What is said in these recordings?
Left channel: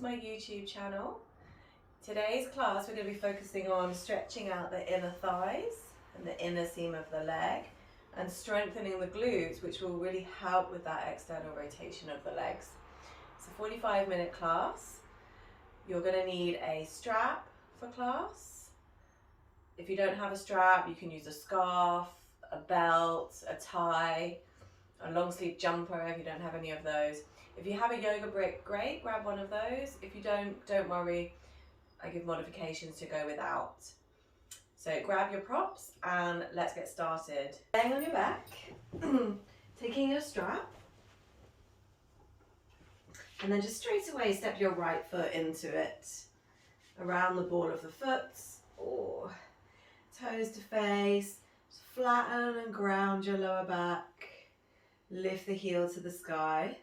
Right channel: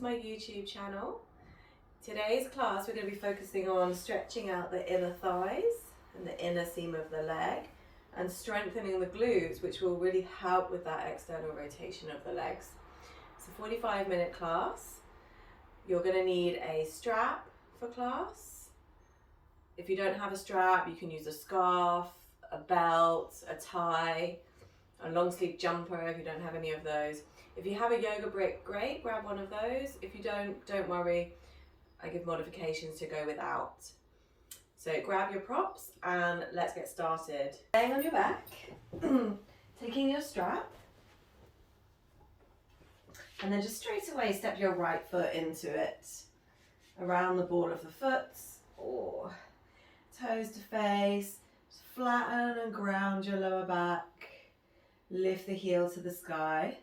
to my YouTube channel. Today's class we're going to be focusing on stretching out the inner thighs and the inner seam of the leg and strengthening the glutes, which will really help with that external rotation of the legs. It's a 45-minute class. You're going to need a strap for class. If you don't have a strap, you can use a scarf, a belt, a tie, a long sleeve jumper if you don't have any of those. If you have a yoga brick, great, grab one of those. If you don't worry, I give modifications to go without. So grab your props and let's get started. Laying on your back, taking your strap, and then just straight away step your right foot into it, around the ball of the foot, or toes to face. Just flatten and ground your lower back, lift the heel to the sky.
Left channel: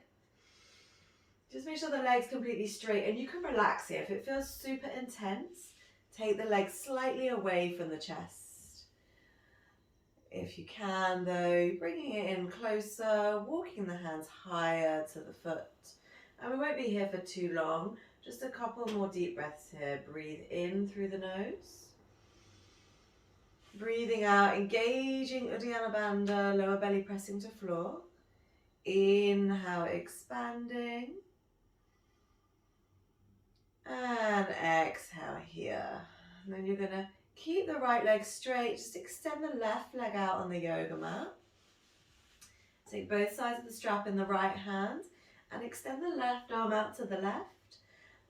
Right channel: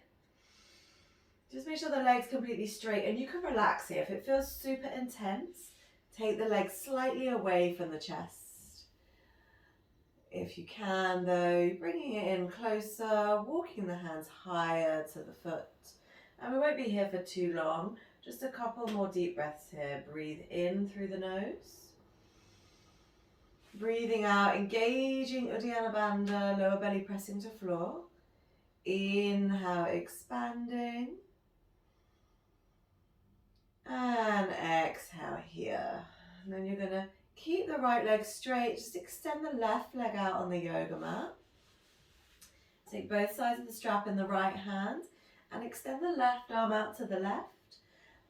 Just make sure the leg's completely straight, and you can relax here. If it feels super intense, take the legs slightly away from the chest. If you can though, bringing it in closer, walking the hands higher to the foot. And we won't be here for too long, just a couple more deep breaths here. Breathe in through the nose. Breathing out, engaging Uddiyana Bandha, lower belly pressing to floor. Inhale, expanding. And exhale here. And then you're going to keep the right leg straight. Just extend the left leg out on the yoga mat. Take both sides of the strap in the right hand and extend the left arm out to the left.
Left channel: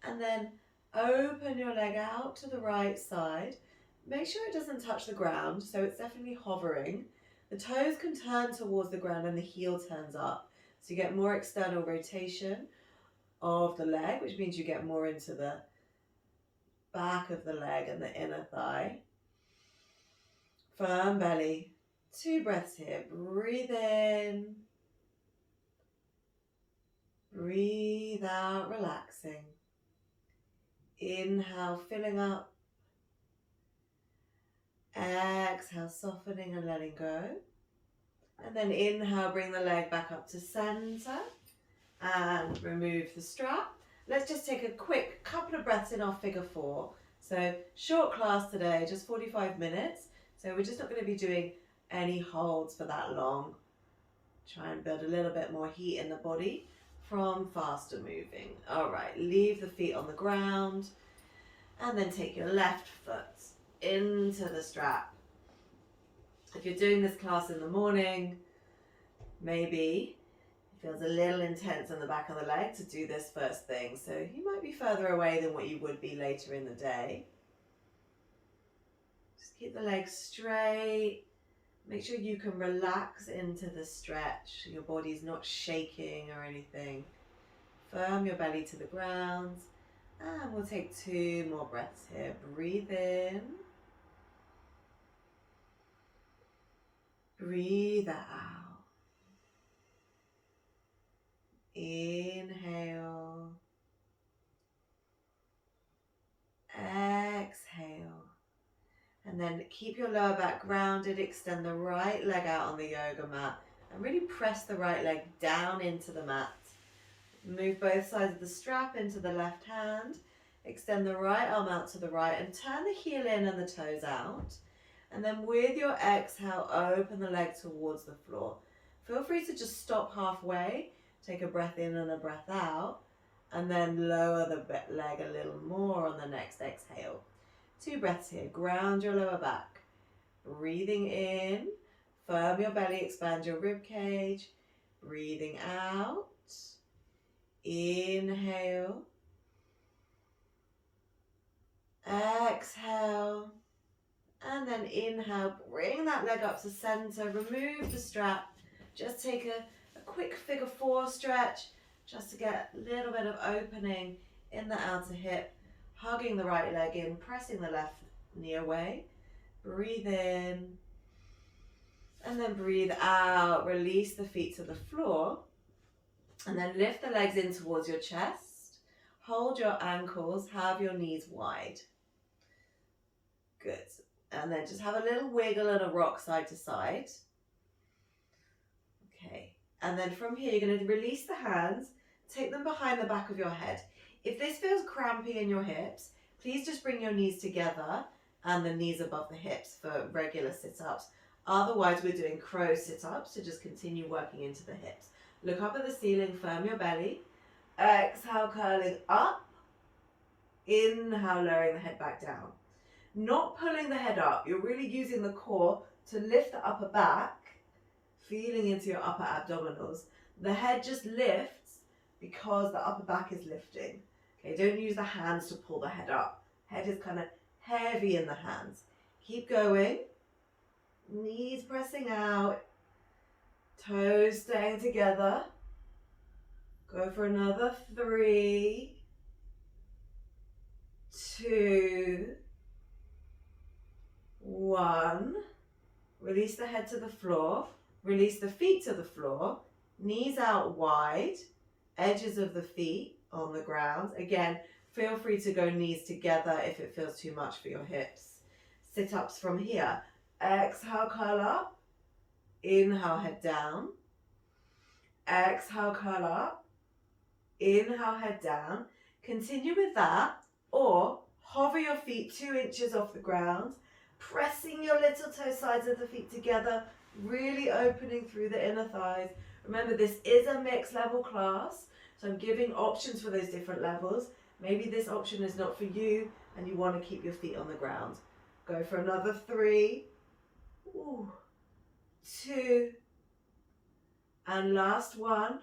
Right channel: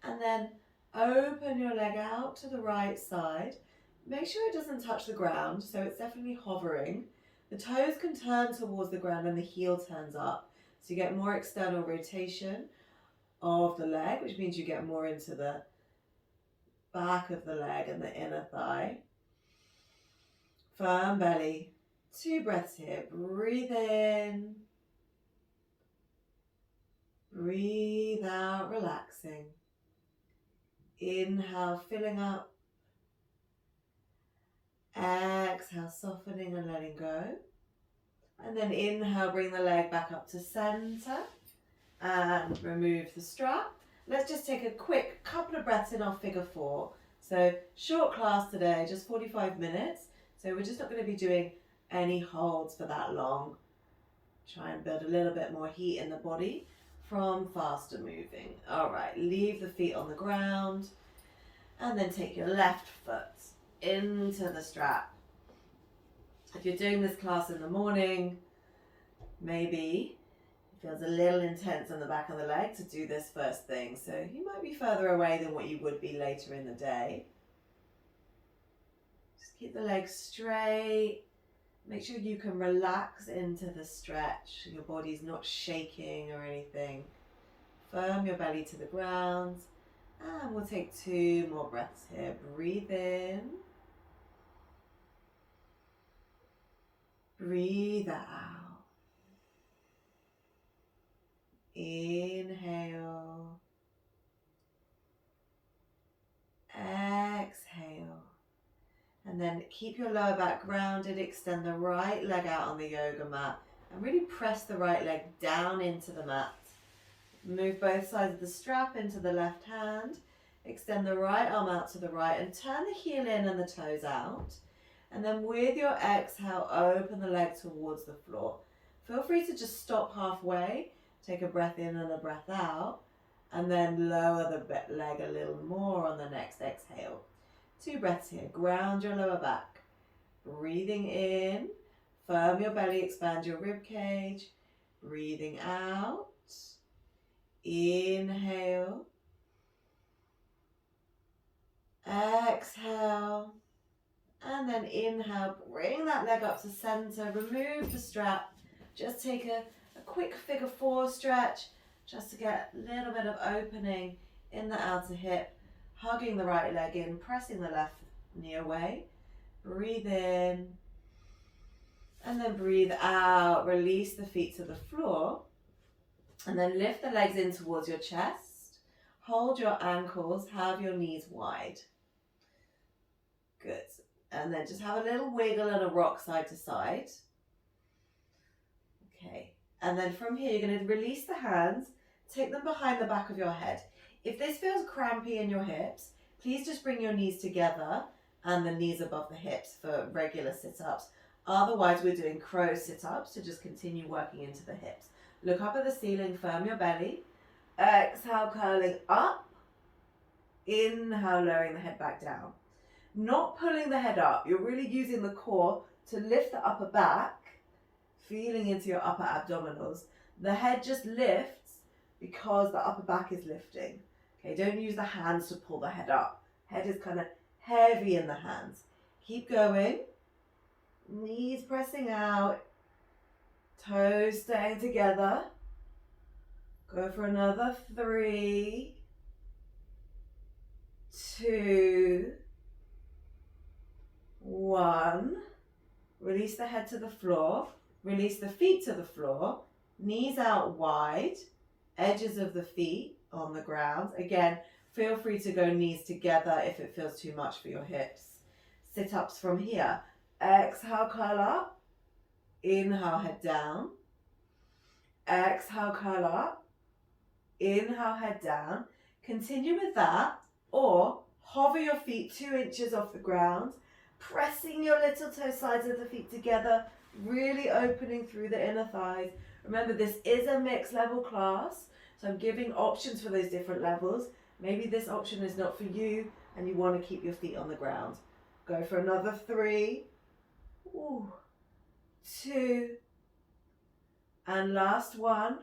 And then open your leg out to the right side. Make sure it doesn't touch the ground, so it's definitely hovering. The toes can turn towards the ground and the heel turns up. So you get more external rotation of the leg, which means you get more into the back of the leg and the inner thigh. Firm belly. 2 breaths here. Breathe in. Breathe out, relaxing. Inhale, filling up. Exhale, softening and letting go. And then inhale, bring the leg back up to center. And remove the strap. Let's just take a quick couple of breaths in our figure 4. So short class today, just 45 minutes. So we're just not going to be doing any holds for that long. Try and build a little bit more heat in the body from faster moving. All right, leave the feet on the ground and then take your left foot into the strap. If you're doing this class in the morning, maybe feels a little intense on the back of the leg to do this first thing, so you might be further away than what you would be later in the day. Just keep the legs straight. Make sure you can relax into the stretch. Your body's not shaking or anything. Firm your belly to the ground, and we'll take 2 more breaths here. Breathe in. Breathe out. Inhale, exhale, and then keep your lower back grounded. Extend the right leg out on the yoga mat and really press the right leg down into the mat. Move both sides of the strap into the left hand. Extend the right arm out to the right and turn the heel in and the toes out. And then with your exhale, open the leg towards the floor. Feel free to just stop halfway. Take a breath in and a breath out, and then lower the leg a little more on the next exhale. 2 breaths here. Ground your lower back. Breathing in. Firm your belly, expand your rib cage. Breathing out. Inhale. Exhale. And then inhale. Bring that leg up to center. Remove the strap. Just take a quick figure 4 stretch just to get a little bit of opening in the outer hip, hugging the right leg in, pressing the left knee away. Breathe in and then breathe out. Release the feet to the floor and then lift the legs in towards your chest. Hold your ankles, have your knees wide. Good. And then just have a little wiggle and a rock side to side. Okay. And then from here, you're going to release the hands, take them behind the back of your head. If this feels crampy in your hips, please just bring your knees together and the knees above the hips for regular sit-ups. Otherwise, we're doing crow sit-ups to just continue working into the hips. Look up at the ceiling, firm your belly. Exhale, curling up. Inhale, lowering the head back down. Not pulling the head up. You're really using the core to lift the upper back, feeling into your upper abdominals. The head just lifts because the upper back is lifting. Okay, don't use the hands to pull the head up. Head is kind of heavy in the hands. Keep going. Knees pressing out. Toes staying together. Go for another 3, 2, 1. Release the head to the floor. Release the feet to the floor. Knees out wide. Edges of the feet on the ground. Again, feel free to go knees together if it feels too much for your hips. Sit-ups from here. Exhale, curl up. Inhale, head down. Exhale, curl up. Inhale, head down. Continue with that, or hover your feet 2 inches off the ground, pressing your little toe sides of the feet together, really opening through the inner thighs. Remember, this is a mixed level class, so I'm giving options for those different levels. Maybe this option is not for you and you want to keep your feet on the ground. Go for another 3, 2, and last one.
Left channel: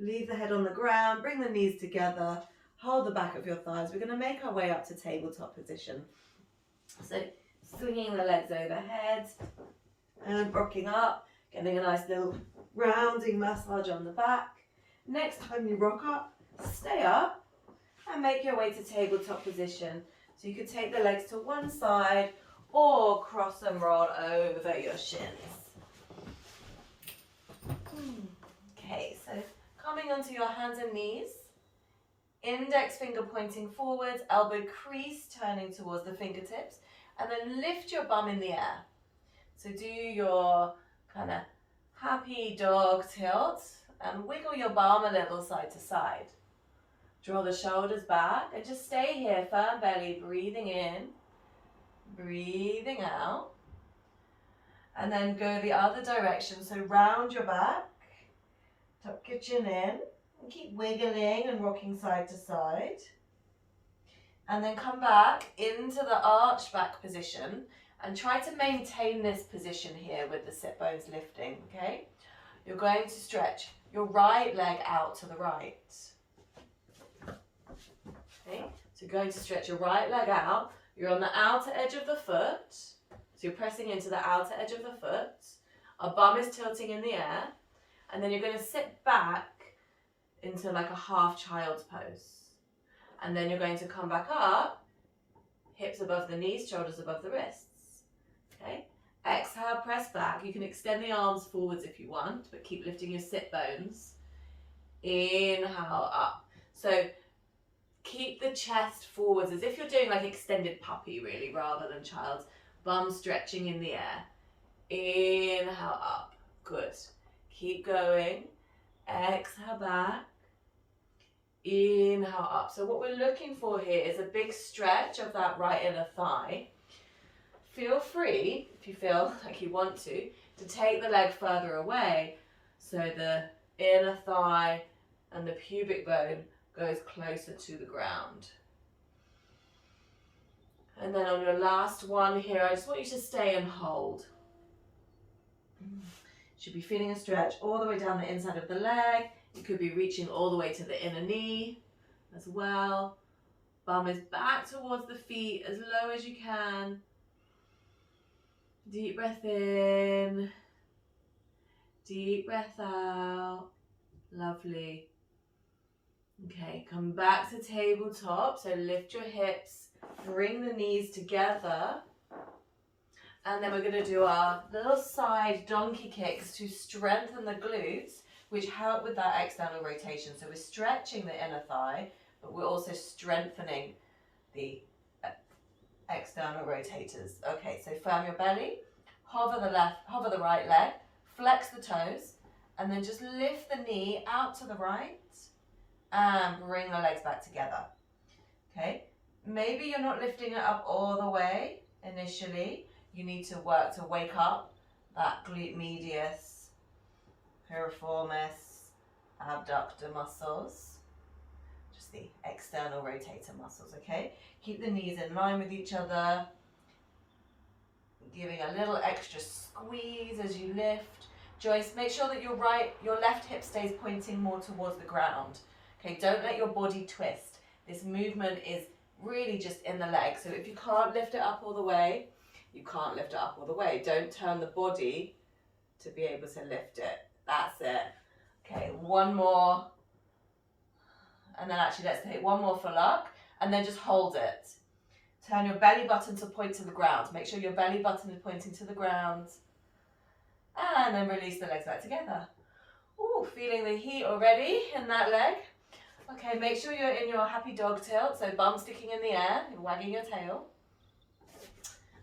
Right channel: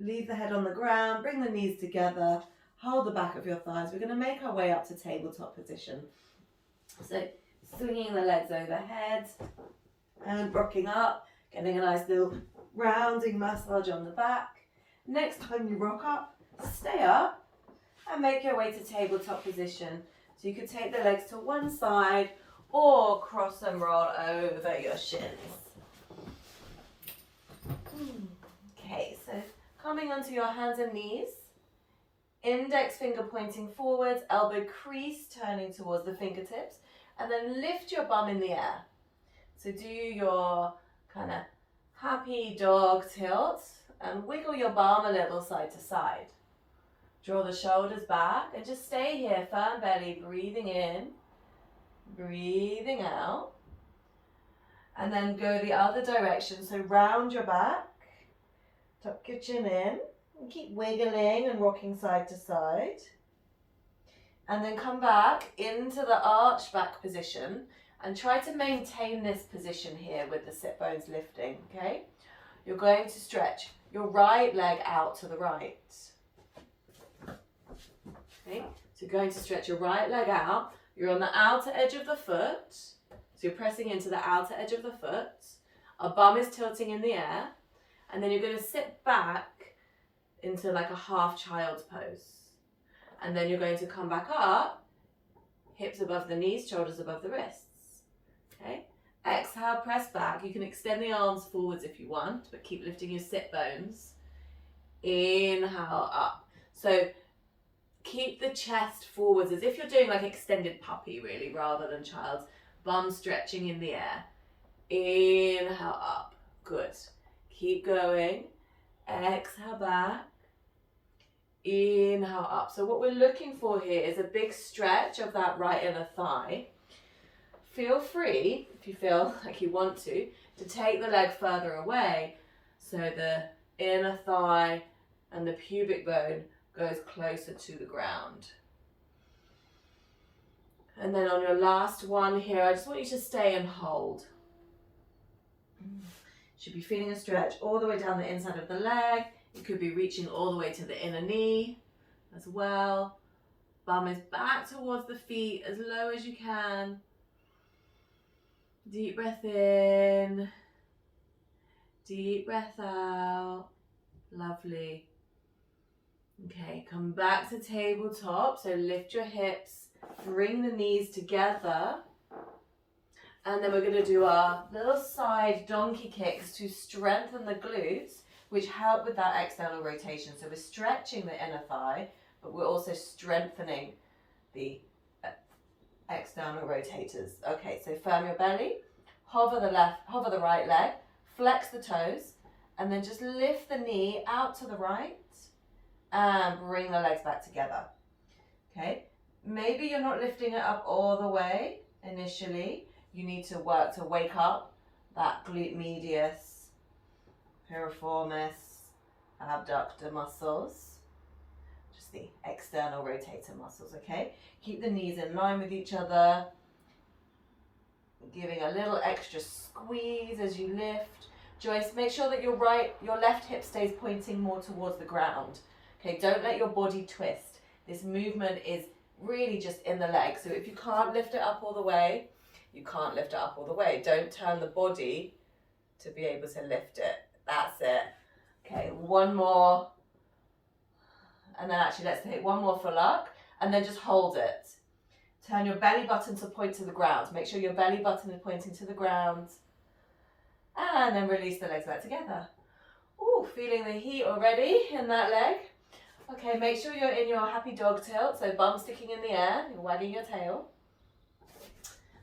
Leave the head on the ground, bring the knees together, hold the back of your thighs. We're going to make our way up to tabletop position. So swinging the legs overhead and rocking up, getting a nice little rounding massage on the back. Next time you rock up, stay up and make your way to tabletop position. So you could take the legs to one side or cross and roll over your shins. Okay, so coming onto your hands and knees, index finger pointing forwards, elbow crease turning towards the fingertips, and then lift your bum in the air. So do your kind of happy dog tilt and wiggle your bum a little side to side. Draw the shoulders back and just stay here, firm belly, breathing in, breathing out. And then go the other direction, so round your back, tuck your chin in, and keep wiggling and rocking side to side. And then come back into the arched back position and try to maintain this position here with the sit bones lifting, okay? You're going to stretch your right leg out to the right. Okay, so you're going to stretch your right leg out. You're on the outer edge of the foot. So you're pressing into the outer edge of the foot. Our bum is tilting in the air. And then you're going to sit back into like a half child's pose. And then you're going to come back up, hips above the knees, shoulders above the wrists. Okay. Exhale, press back. You can extend the arms forwards if you want, but keep lifting your sit bones. Inhale, up. So keep the chest forwards as if you're doing like extended puppy really, rather than child's. Bum stretching in the air. Inhale, up. Good. Keep going. Exhale back. Inhale up. So what we're looking for here is a big stretch of that right inner thigh. Feel free, if you feel like you want to take the leg further away so the inner thigh and the pubic bone goes closer to the ground. And then on your last one here, I just want you to stay and hold. Should be feeling a stretch all the way down the inside of the leg. You could be reaching all the way to the inner knee as well. Bum is back towards the feet as low as you can. Deep breath in. Deep breath out. Lovely. Okay, come back to tabletop. So lift your hips. Bring the knees together, and then we're going to do our little side donkey kicks to strengthen the glutes, which help with that external rotation. So we're stretching the inner thigh, but we're also strengthening the external rotators. Okay, so firm your belly, hover the right leg, flex the toes, and then just lift the knee out to the right and bring the legs back together. Okay, maybe you're not lifting it up all the way initially. You need to work to wake up that glute medius, piriformis, abductor muscles, just the external rotator muscles, okay? Keep the knees in line with each other, giving a little extra squeeze as you lift. Joyce, make sure that your left hip stays pointing more towards the ground. Okay, don't let your body twist. This movement is really just in the leg. So if you can't lift it up all the way, you can't lift it up all the way. Don't turn the body to be able to lift it. That's it. Okay, one more. And then actually let's take one more for luck. And then just hold it. Turn your belly button to point to the ground. Make sure your belly button is pointing to the ground. And then release the legs back together. Ooh, feeling the heat already in that leg. Okay, make sure you're in your happy dog tilt. So bum sticking in the air, you're wagging your tail.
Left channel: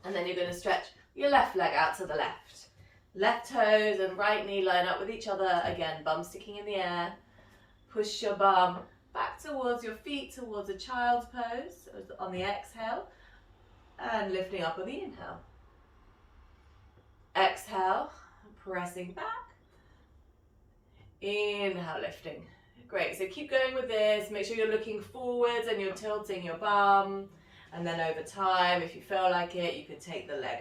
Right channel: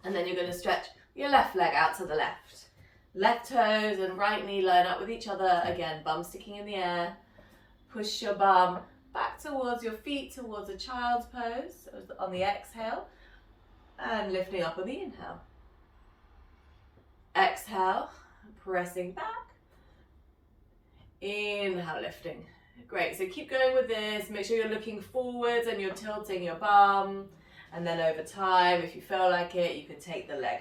And then you're going to stretch your left leg out to the left. Left toes and right knee line up with each other. Again, bum sticking in the air. Push your bum back towards your feet, towards a child's pose on the exhale. And lifting up on the inhale. Exhale, pressing back. Inhale, lifting. Great, so keep going with this. Make sure you're looking forwards and you're tilting your bum. And then over time, if you feel like it, you could take the leg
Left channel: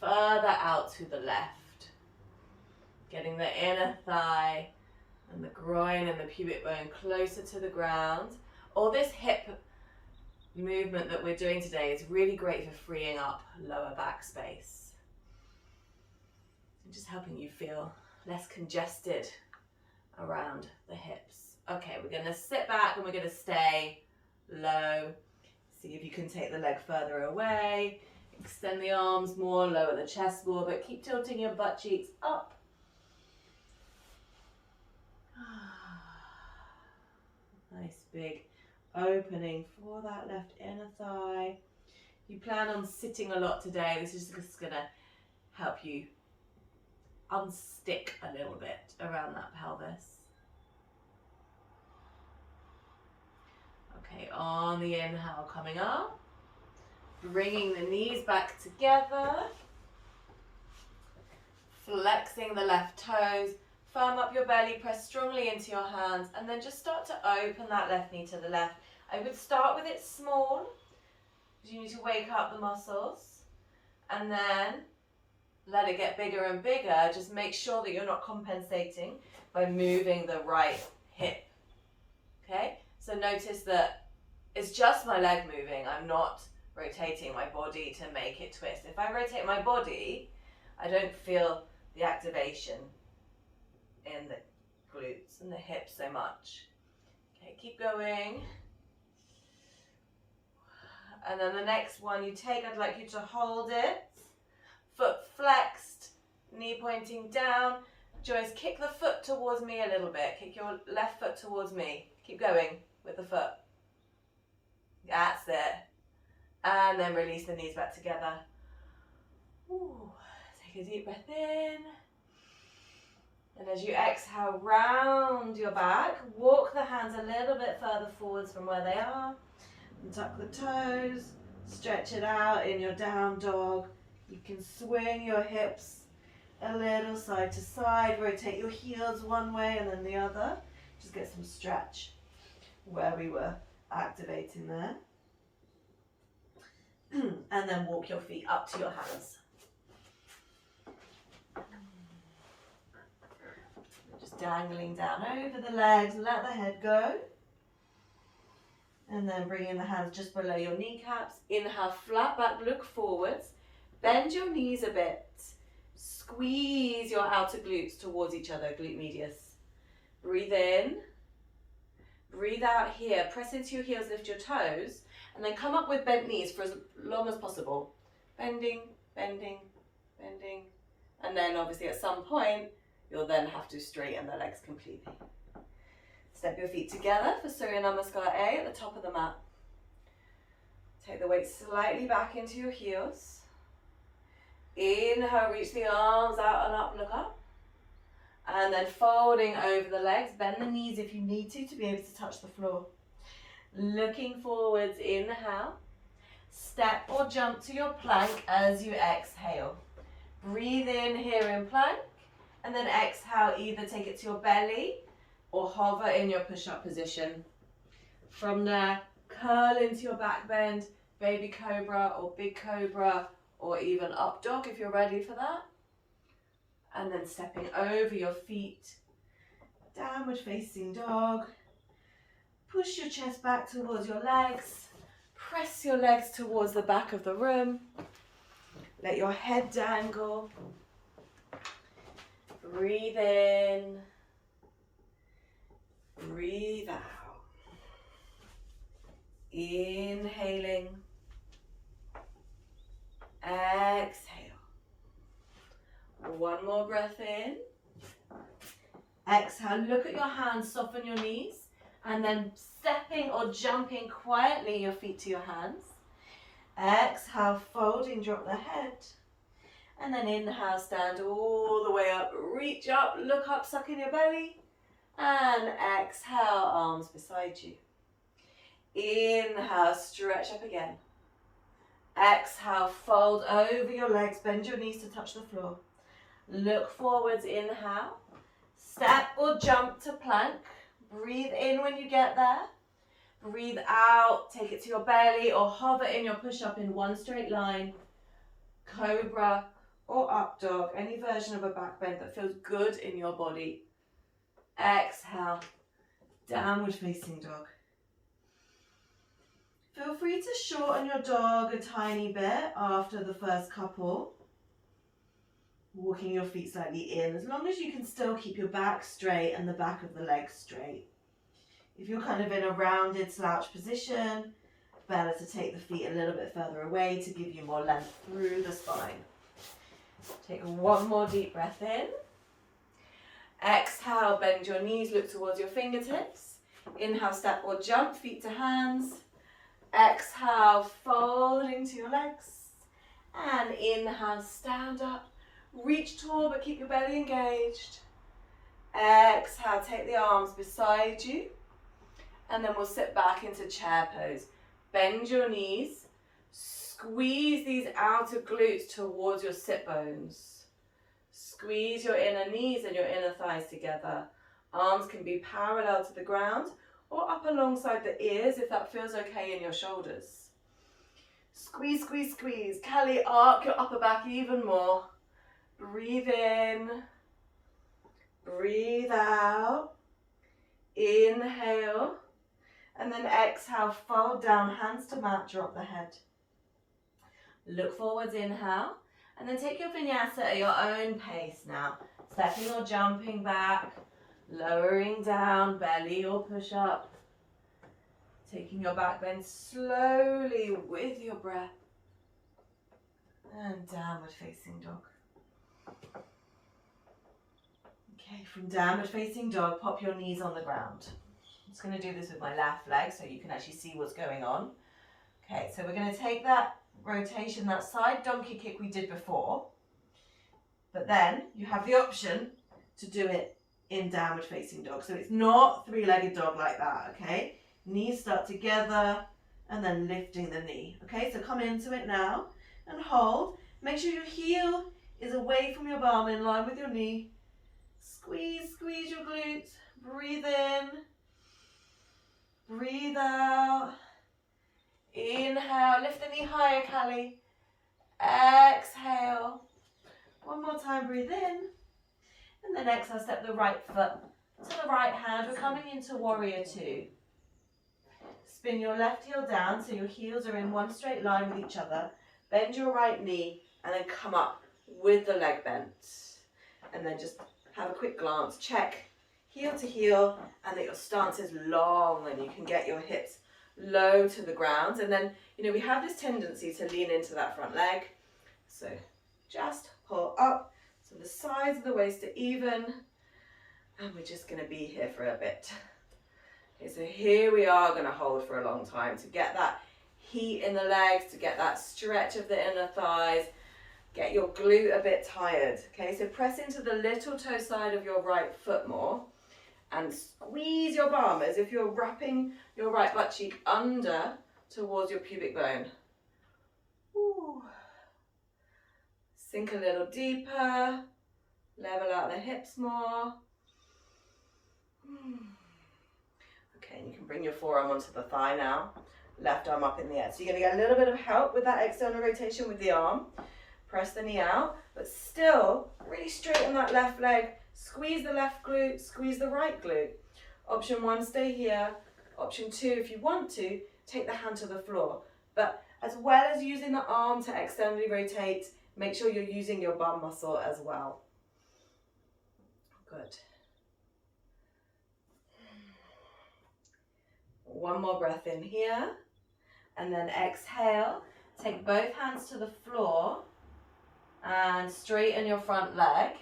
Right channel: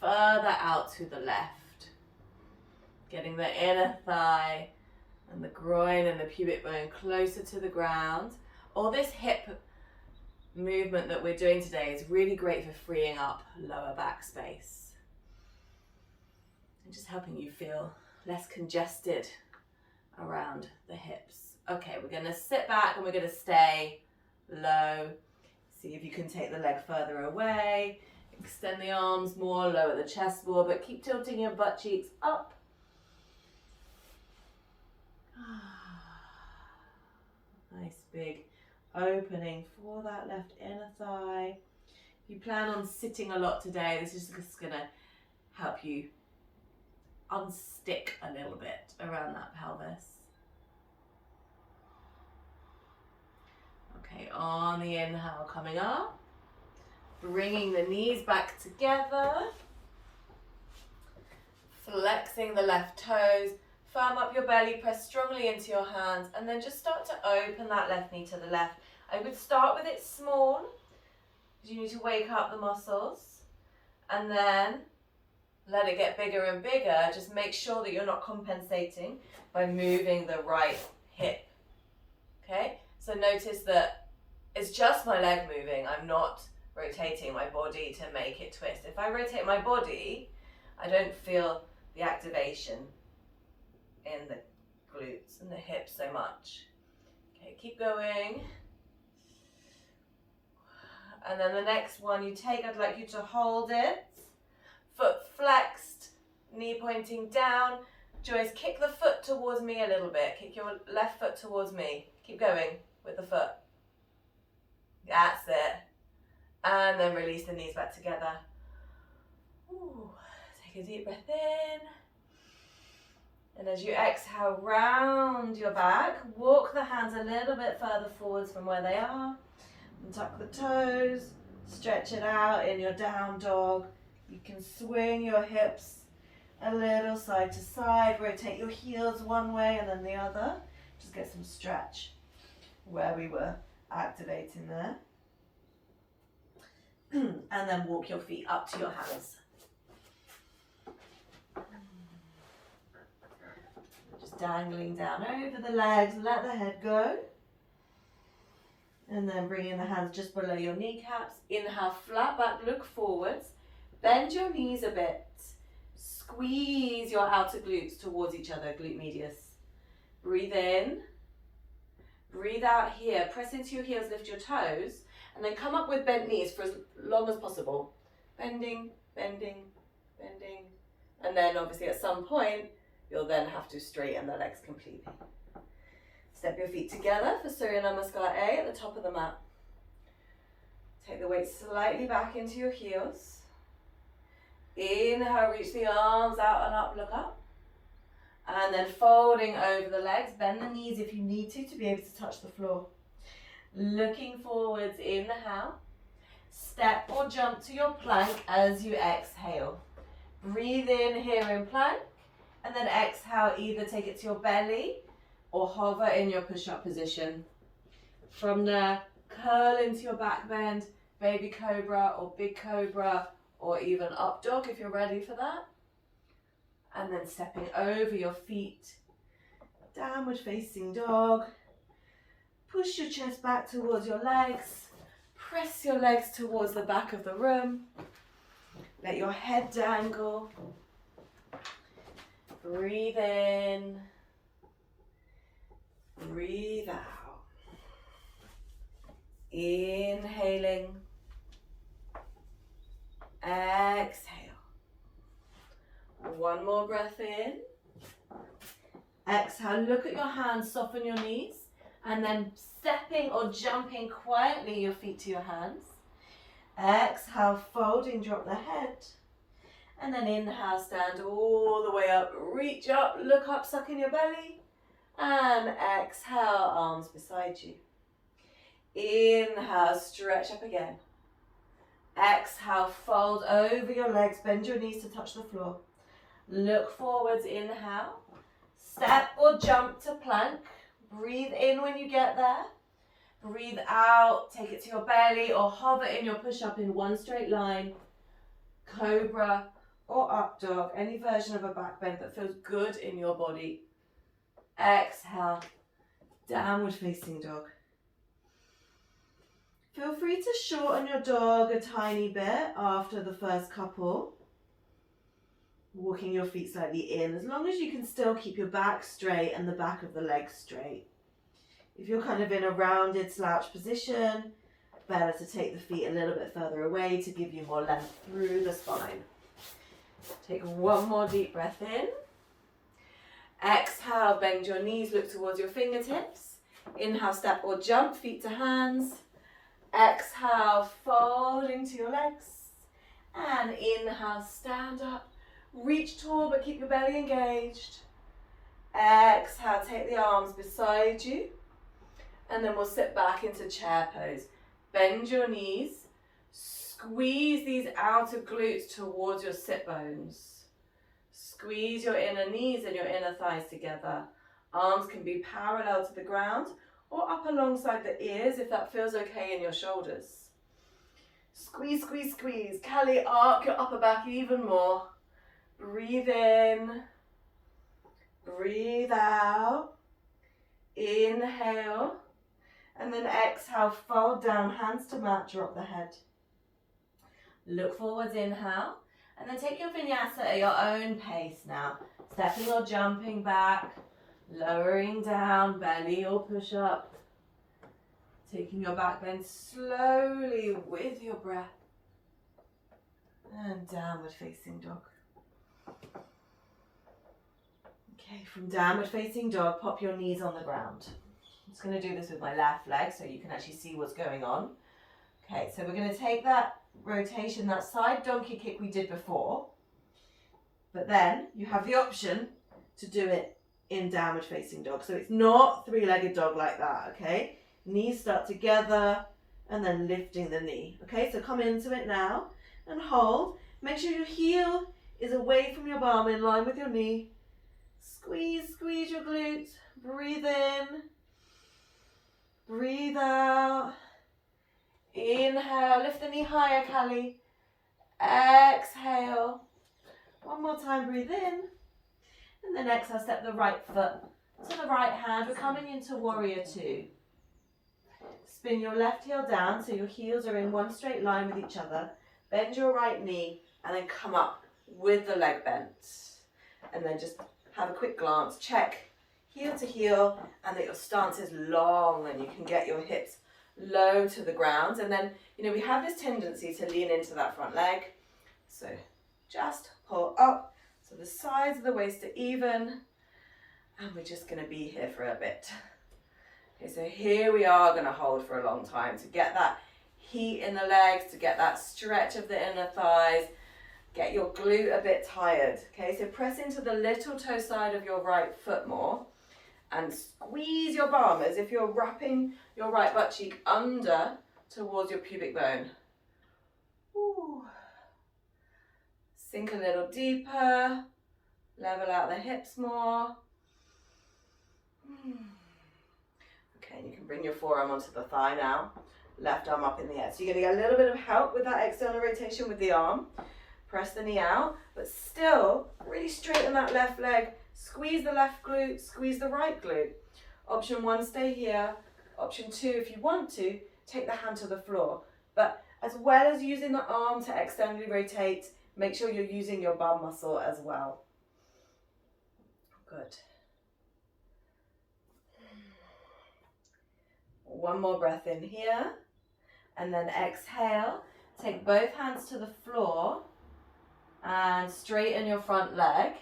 further out to the left. Getting the inner thigh and the groin and the pubic bone closer to the ground. All this hip movement that we're doing today is really great for freeing up lower back space. And just helping you feel less congested around the hips. Okay, we're gonna sit back and we're gonna stay low. See if you can take the leg further away. Extend the arms more, lower the chest more, but keep tilting your butt cheeks up. Nice big opening for that left inner thigh. If you plan on sitting a lot today, this is just gonna help you unstick a little bit around that pelvis. Okay, on the inhale, coming up, bringing the knees back together, flexing the left toes, firm up your belly, press strongly into your hands, and then just start to open that left knee to the left. I would start with it small, because you need to wake up the muscles, and then let it get bigger and bigger. Just make sure that you're not compensating by moving the right hip, okay? So notice that it's just my leg moving. I'm not rotating my body to make it twist. If I rotate my body, I don't feel the activation in the glutes and the hips so much. Okay, keep going. And then the next one you take, I'd like you to hold it. Foot flexed, knee pointing down. Joyce, kick the foot towards me a little bit. Kick your left foot towards me. Keep going with the foot. That's it. And then release the knees back together. Ooh, take a deep breath in. And as you exhale, round your back. Walk the hands a little bit further forwards from where they are. And tuck the toes. Stretch it out in your down dog. You can swing your hips a little side to side. Rotate your heels one way and then the other. Just get some stretch where we were activating there. And then walk your feet up to your hands. Just dangling down over the legs, let the head go. And then bring in the hands just below your kneecaps. Inhale, flat back, look forwards. Bend your knees a bit. Squeeze your outer glutes towards each other, glute medius. Breathe in. Breathe out here. Press into your heels, lift your toes. And then come up with bent knees for as long as possible. Bending, bending, bending. And then obviously at some point, you'll then have to straighten the legs completely. Step your feet together for Surya Namaskar A at the top of the mat. Take the weight slightly back into your heels. Inhale, reach the arms out and up, look up. And then folding over the legs, bend the knees if you need to be able to touch the floor. Looking forwards, inhale. Step or jump to your plank as you exhale. Breathe in here in plank, and then exhale, either take it to your belly or hover in your push-up position. From there, curl into your back bend, baby cobra or big cobra, or even up dog if you're ready for that. And then stepping over your feet, downward facing dog. Push your chest back towards your legs. Press your legs towards the back of the room. Let your head dangle. Breathe in. Breathe out. Inhaling. Exhale. One more breath in. Exhale, look at your hands, soften your knees, and then stepping or jumping quietly your feet to your hands. Exhale, folding, drop the head. And then inhale, stand all the way up, reach up, look up, suck in your belly. And exhale, arms beside you. Inhale, stretch up again. Exhale, fold over your legs, bend your knees to touch the floor. Look forwards, inhale. Step or jump to plank. Breathe in when you get there. Breathe out, take it to your belly or hover in your push-up in one straight line. Cobra or up dog, any version of a back bend that feels good in your body. Exhale, downward facing dog. Feel free to shorten your dog a tiny bit after the first couple. Walking your feet slightly in, as long as you can still keep your back straight and the back of the legs straight. If you're kind of in a rounded slouch position, better to take the feet a little bit further away to give you more length through the spine. Take one more deep breath in. Exhale, bend your knees, look towards your fingertips. Inhale, step or jump, feet to hands. Exhale, fold into your legs. And inhale, stand up. Reach tall, but keep your belly engaged. Exhale, take the arms beside you. And then we'll sit back into chair pose. Bend your knees. Squeeze these outer glutes towards your sit bones. Squeeze your inner knees and your inner thighs together. Arms can be parallel to the ground or up alongside the ears if that feels okay in your shoulders. Squeeze, squeeze, squeeze. Kali, arc your upper back even more. Breathe in. Breathe out. Inhale. And then exhale, fold down, hands to mat, drop the head. Look forwards, inhale. And then take your vinyasa at your own pace now. Stepping or jumping back, lowering down, belly or push up. Taking your back bend slowly with your breath. And downward facing dog. Okay, from downward facing dog, pop your knees on the ground. I'm just going to do this with my left leg so you can actually see what's going on. Okay, so we're going to take that rotation, that side donkey kick we did before, but then you have the option to do it in downward facing dog. So it's not three-legged dog like that, okay? Knees start together and then lifting the knee. Okay, so come into it now and hold. Make sure your heel is away from your bum, in line with your knee. Squeeze, squeeze your glutes. Breathe in. Breathe out. Inhale, lift the knee higher, Kali. Exhale. One more time, breathe in. And then exhale, step the right foot to the right hand. We're coming into warrior two. Spin your left heel down so your heels are in one straight line with each other. Bend your right knee and then come up with the leg bent. And then just have a quick glance. Check heel to heel and that your stance is long and you can get your hips low to the ground. And then, we have this tendency to lean into that front leg. So just pull up so the sides of the waist are even. And we're just going to be here for a bit. Okay, so here we are going to hold for a long time to get that heat in the legs, to get that stretch of the inner thighs, get your glute a bit tired. Okay, so press into the little toe side of your right foot more and squeeze your bum as if you're wrapping your right butt cheek under towards your pubic bone. Ooh. Sink a little deeper, level out the hips more. Okay, and you can bring your forearm onto the thigh now. Left arm up in the air. So you're going to get a little bit of help with that external rotation with the arm. Press the knee out, but still really straighten that left leg. Squeeze the left glute, squeeze the right glute. Option 1, stay here. Option 2, if you want to, take the hand to the floor. But as well as using the arm to externally rotate, make sure you're using your bum muscle as well. Good. One more breath in here. And then exhale. Take both hands to the floor and straighten your front leg.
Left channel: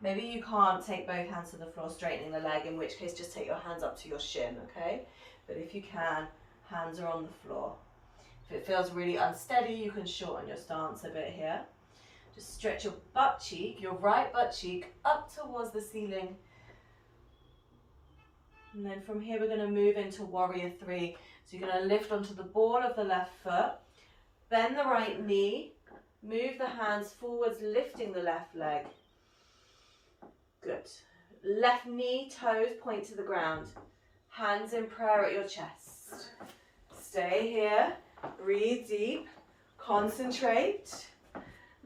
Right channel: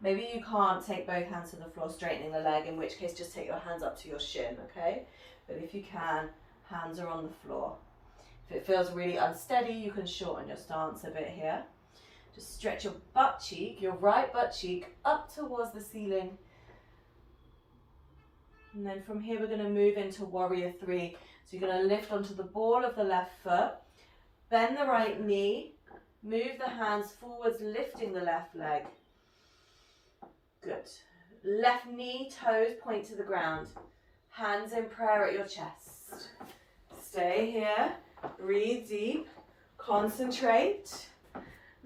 Maybe you can't take both hands to the floor straightening the leg, in which case just take your hands up to your shin, okay? But if you can, hands are on the floor. If it feels really unsteady, you can shorten your stance a bit here. Just stretch your butt cheek, your right butt cheek, up towards the ceiling. And then from here, we're going to move into Warrior 3. So you're going to lift onto the ball of the left foot, bend the right knee, move the hands forwards, lifting the left leg. Good. Left knee, toes point to the ground. Hands in prayer at your chest. Stay here. Breathe deep. Concentrate.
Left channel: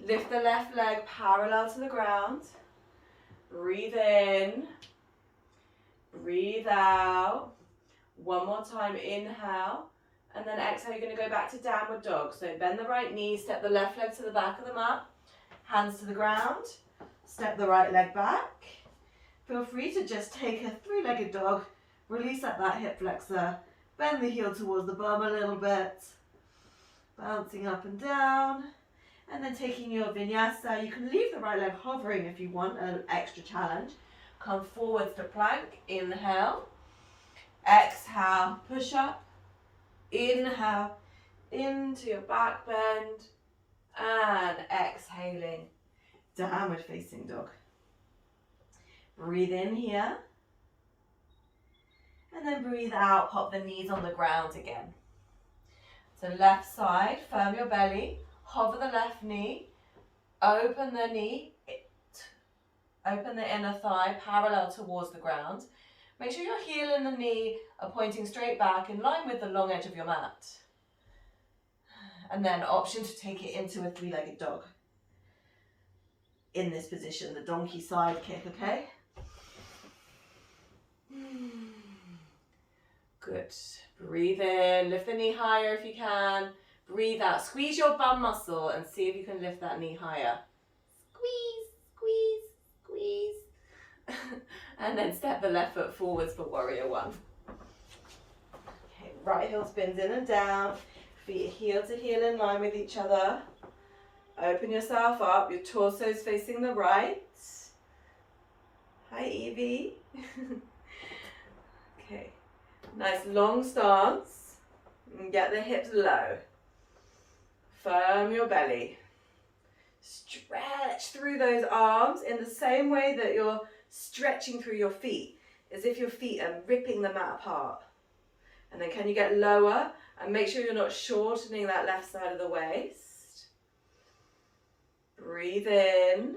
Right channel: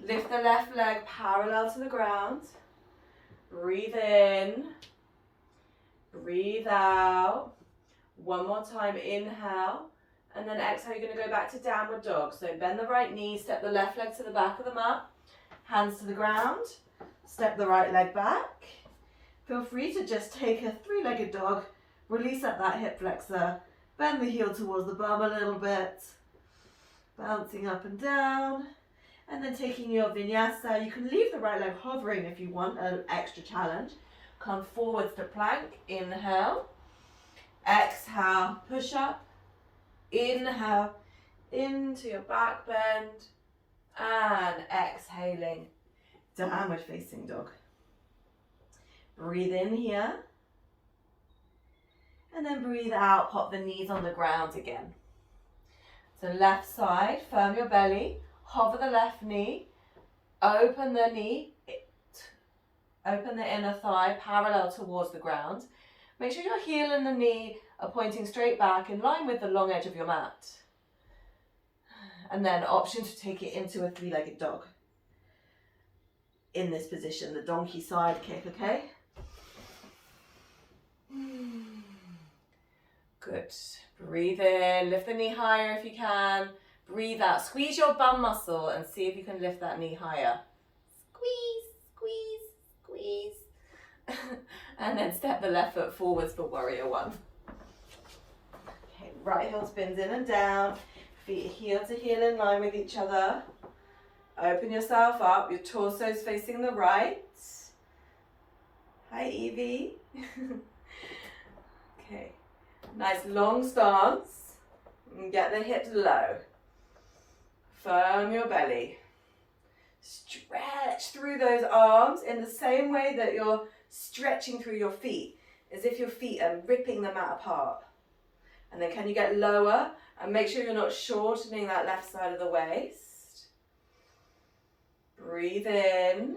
Lift the left leg parallel to the ground. Breathe in. Breathe out. One more time. Inhale. And then exhale, you're going to go back to downward dog. So bend the right knee, step the left leg to the back of the mat. Hands to the ground. Step the right leg back. Feel free to just take a 3-legged dog. Release at that hip flexor. Bend the heel towards the bum a little bit. Bouncing up and down. And then taking your vinyasa. You can leave the right leg hovering if you want an extra challenge. Come forwards to plank. Inhale. Exhale. Push up. Inhale. Into your back bend. And exhaling. Downward facing dog. Breathe in here. And then breathe out, pop the knees on the ground again. So left side, firm your belly, hover the left knee, open the knee, open the inner thigh parallel towards the ground. Make sure your heel and the knee are pointing straight back in line with the long edge of your mat. And then option to take it into a 3-legged dog. In this position, the donkey side kick, okay? Good. Breathe in, lift the knee higher if you can. Breathe out, squeeze your bum muscle and see if you can lift that knee higher. Squeeze, squeeze, squeeze. And then step the left foot forwards for Warrior 1. Okay, right heel spins in and down. Feet heel to heel in line with each other. Open yourself up, your torso's facing the right. Hi, Evie. Okay, nice long stance. And get the hips low. Firm your belly. Stretch through those arms in the same way that you're stretching through your feet, as if your feet are ripping the mat apart. And then can you get lower and make sure you're not shortening that left side of the waist. Breathe in.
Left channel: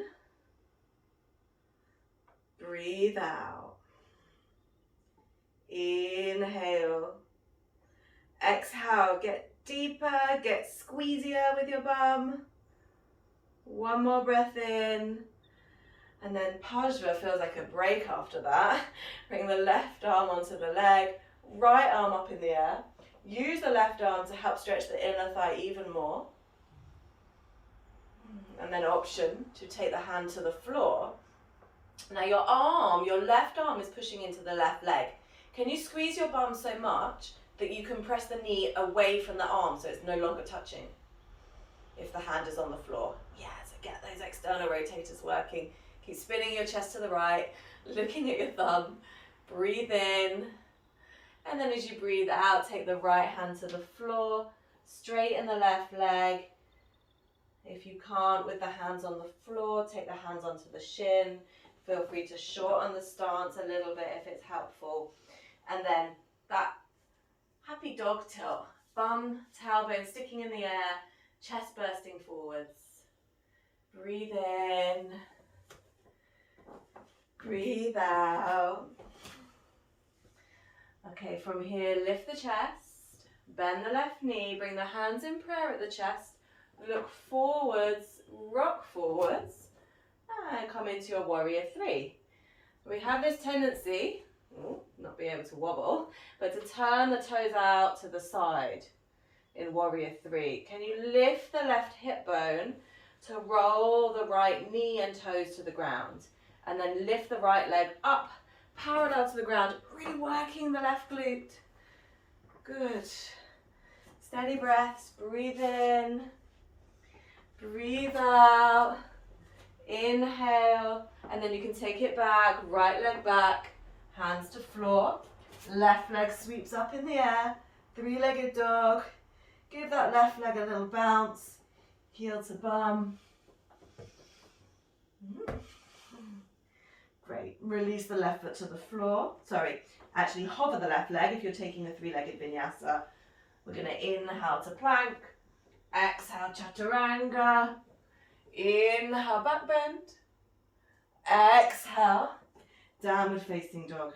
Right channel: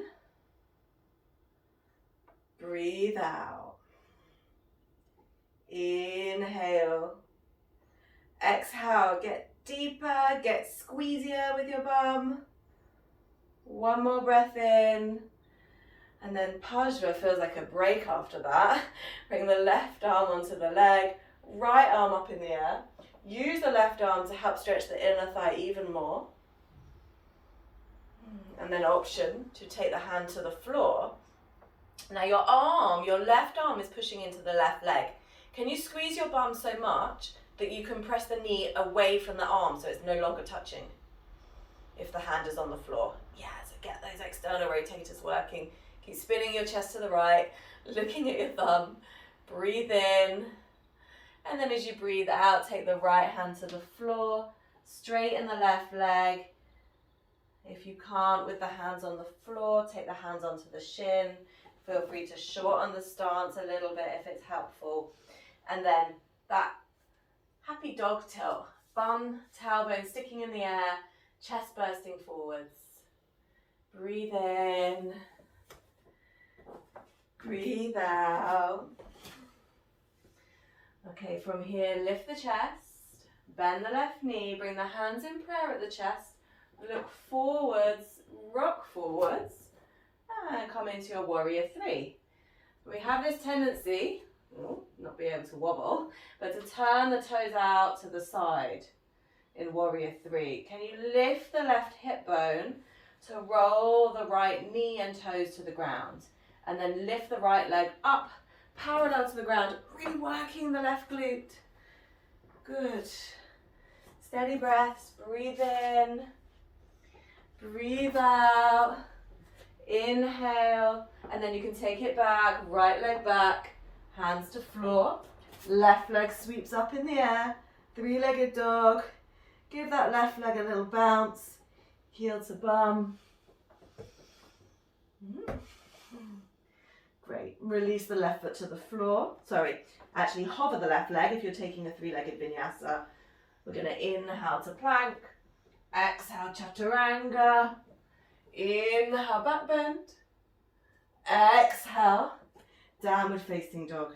Breathe out. Inhale. Exhale. Get deeper, get squeezier with your bum. One more breath in. And then Pajva feels like a break after that. Bring the left arm onto the leg, right arm up in the air. Use the left arm to help stretch the inner thigh even more. And then option to take the hand to the floor. Now your left arm is pushing into the left leg. Can you squeeze your bum so much that you can press the knee away from the arm so it's no longer touching if the hand is on the floor? Yeah, so get those external rotators working. Keep spinning your chest to the right, looking at your thumb. Breathe in. And then as you breathe out, take the right hand to the floor, straighten the left leg. If you can't with the hands on the floor, take the hands onto the shin. Feel free to shorten the stance a little bit if it's helpful. And then that happy dog tilt. Bum, tailbone sticking in the air, chest bursting forwards. Breathe in. Breathe out. Okay, from here, lift the chest. Bend the left knee. Bring the hands in prayer at the chest. Look forwards, rock forwards, and come into your warrior three. We have this tendency, not be able to wobble, but to turn the toes out to the side in warrior three. Can you lift the left hip bone to roll the right knee and toes to the ground? And then lift the right leg up, parallel to the ground, really working the left glute. Good. Steady breaths, breathe in. Breathe out, inhale, and then you can take it back, right leg back, hands to floor, left leg sweeps up in the air, three-legged dog, give that left leg a little bounce, heel to bum. Great, release the left foot to the floor, actually hover the left leg if you're taking a three-legged vinyasa. We're going to inhale to plank. Exhale, chaturanga. Inhale, back bend. Exhale, downward facing dog.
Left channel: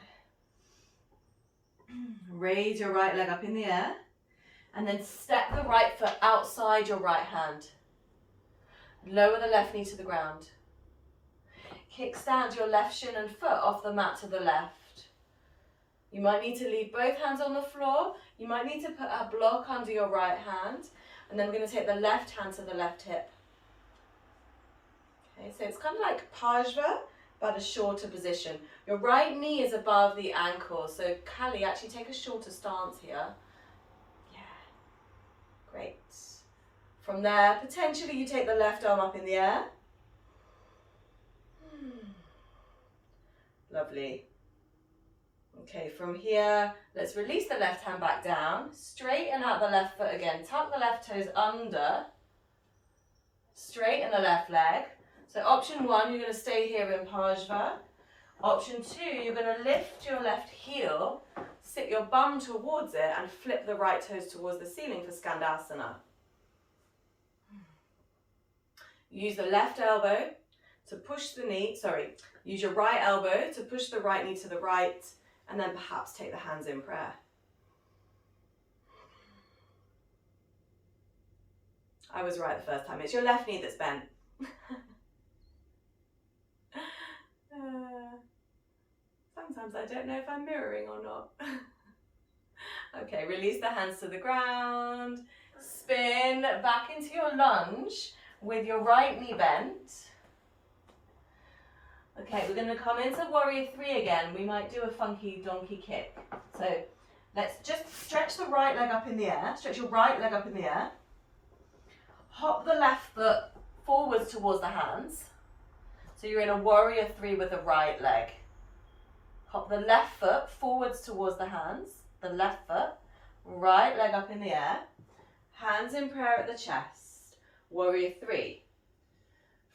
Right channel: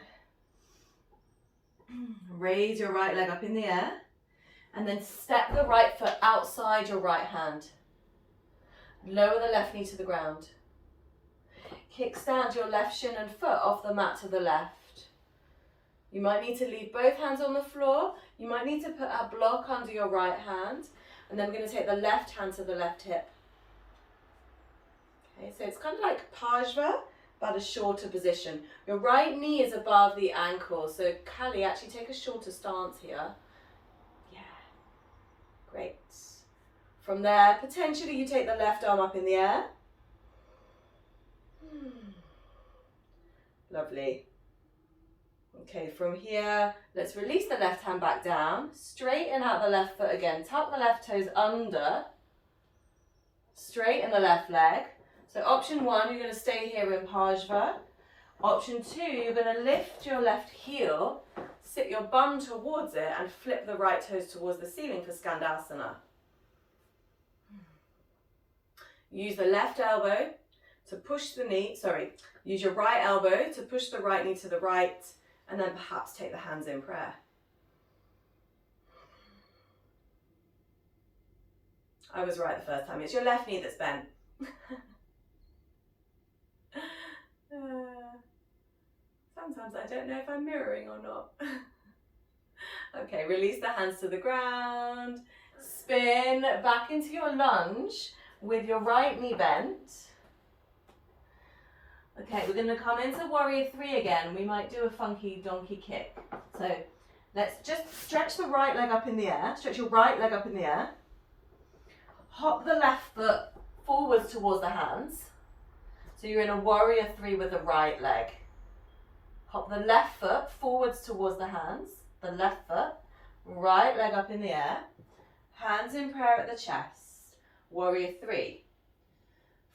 Raise your right leg up in the air. And then step the right foot outside your right hand. Lower the left knee to the ground. Kickstand your left shin and foot off the mat to the left. You might need to leave both hands on the floor. You might need to put a block under your right hand. And then we're going to take the left hand to the left hip. Okay, so it's kind of like Pajva, but a shorter position. Your right knee is above the ankle. So Kali, actually take a shorter stance here. Yeah, great. From there, potentially you take the left arm up in the air. Lovely. Okay, from here, let's release the left hand back down, straighten out the left foot again, tuck the left toes under, straighten the left leg. So option one, you're going to stay here in Pajva. Option two, you're going to lift your left heel, sit your bum towards it and flip the right toes towards the ceiling for Skandasana. Use the left elbow to push the knee, use your right elbow to push the right knee to the right. And then perhaps take the hands in prayer. I was right the first time. It's your left knee that's bent. Sometimes I don't know if I'm mirroring or not. Okay, release the hands to the ground. Spin back into your lunge with your right knee bent. Okay, we're going to come into warrior three again. We might do a funky donkey kick. So let's just stretch the right leg up in the air. Stretch your right leg up in the air. Hop the left foot forwards towards the hands. So you're in a warrior three with the right leg. Hop the left foot forwards towards the hands. The left foot, right leg up in the air. Hands in prayer at the chest. Warrior three.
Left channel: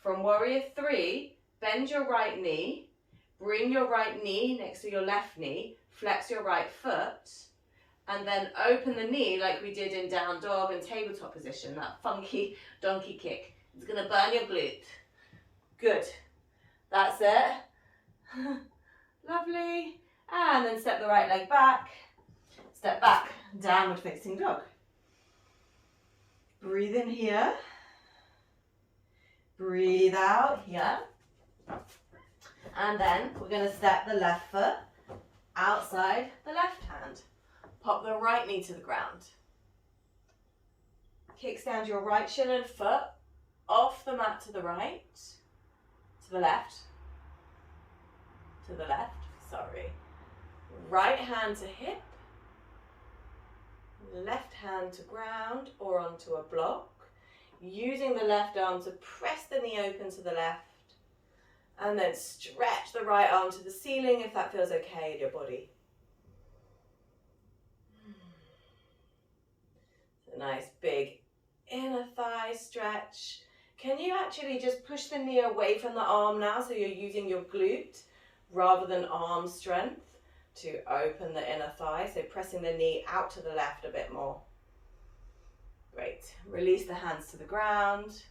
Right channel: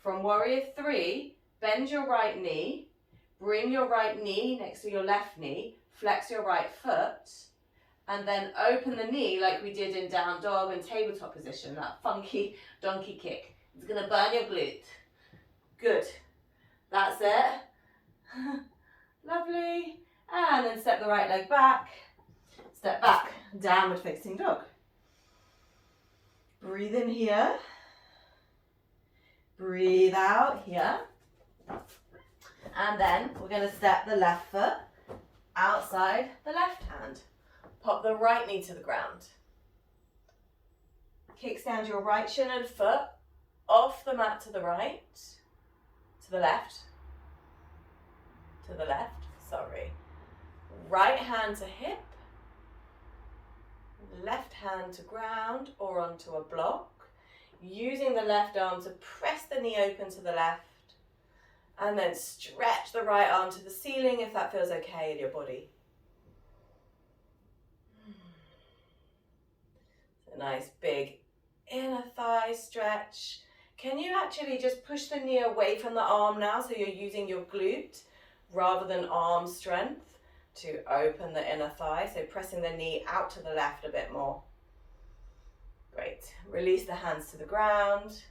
From warrior three, bend your right knee, bring your right knee next to your left knee, flex your right foot, and then open the knee like we did in down dog and tabletop position, that funky donkey kick. It's going to burn your glute. Good. That's it. Lovely. And then step the right leg back, step back, downward facing dog. Breathe in here. Breathe out here. And then we're going to step the left foot outside the left hand. Pop the right knee to the ground. Kickstand your right shin and foot off the mat to the right, to the left, Right hand to hip, left hand to ground or onto a block. Using the left arm to press the knee open to the left. And then stretch the right arm to the ceiling if that feels okay in your body. A nice big inner thigh stretch. Can you actually just push the knee away from the arm now, so you're using your glute rather than arm strength to open the inner thigh, so pressing the knee out to the left a bit more. Great. Release the hands to the ground.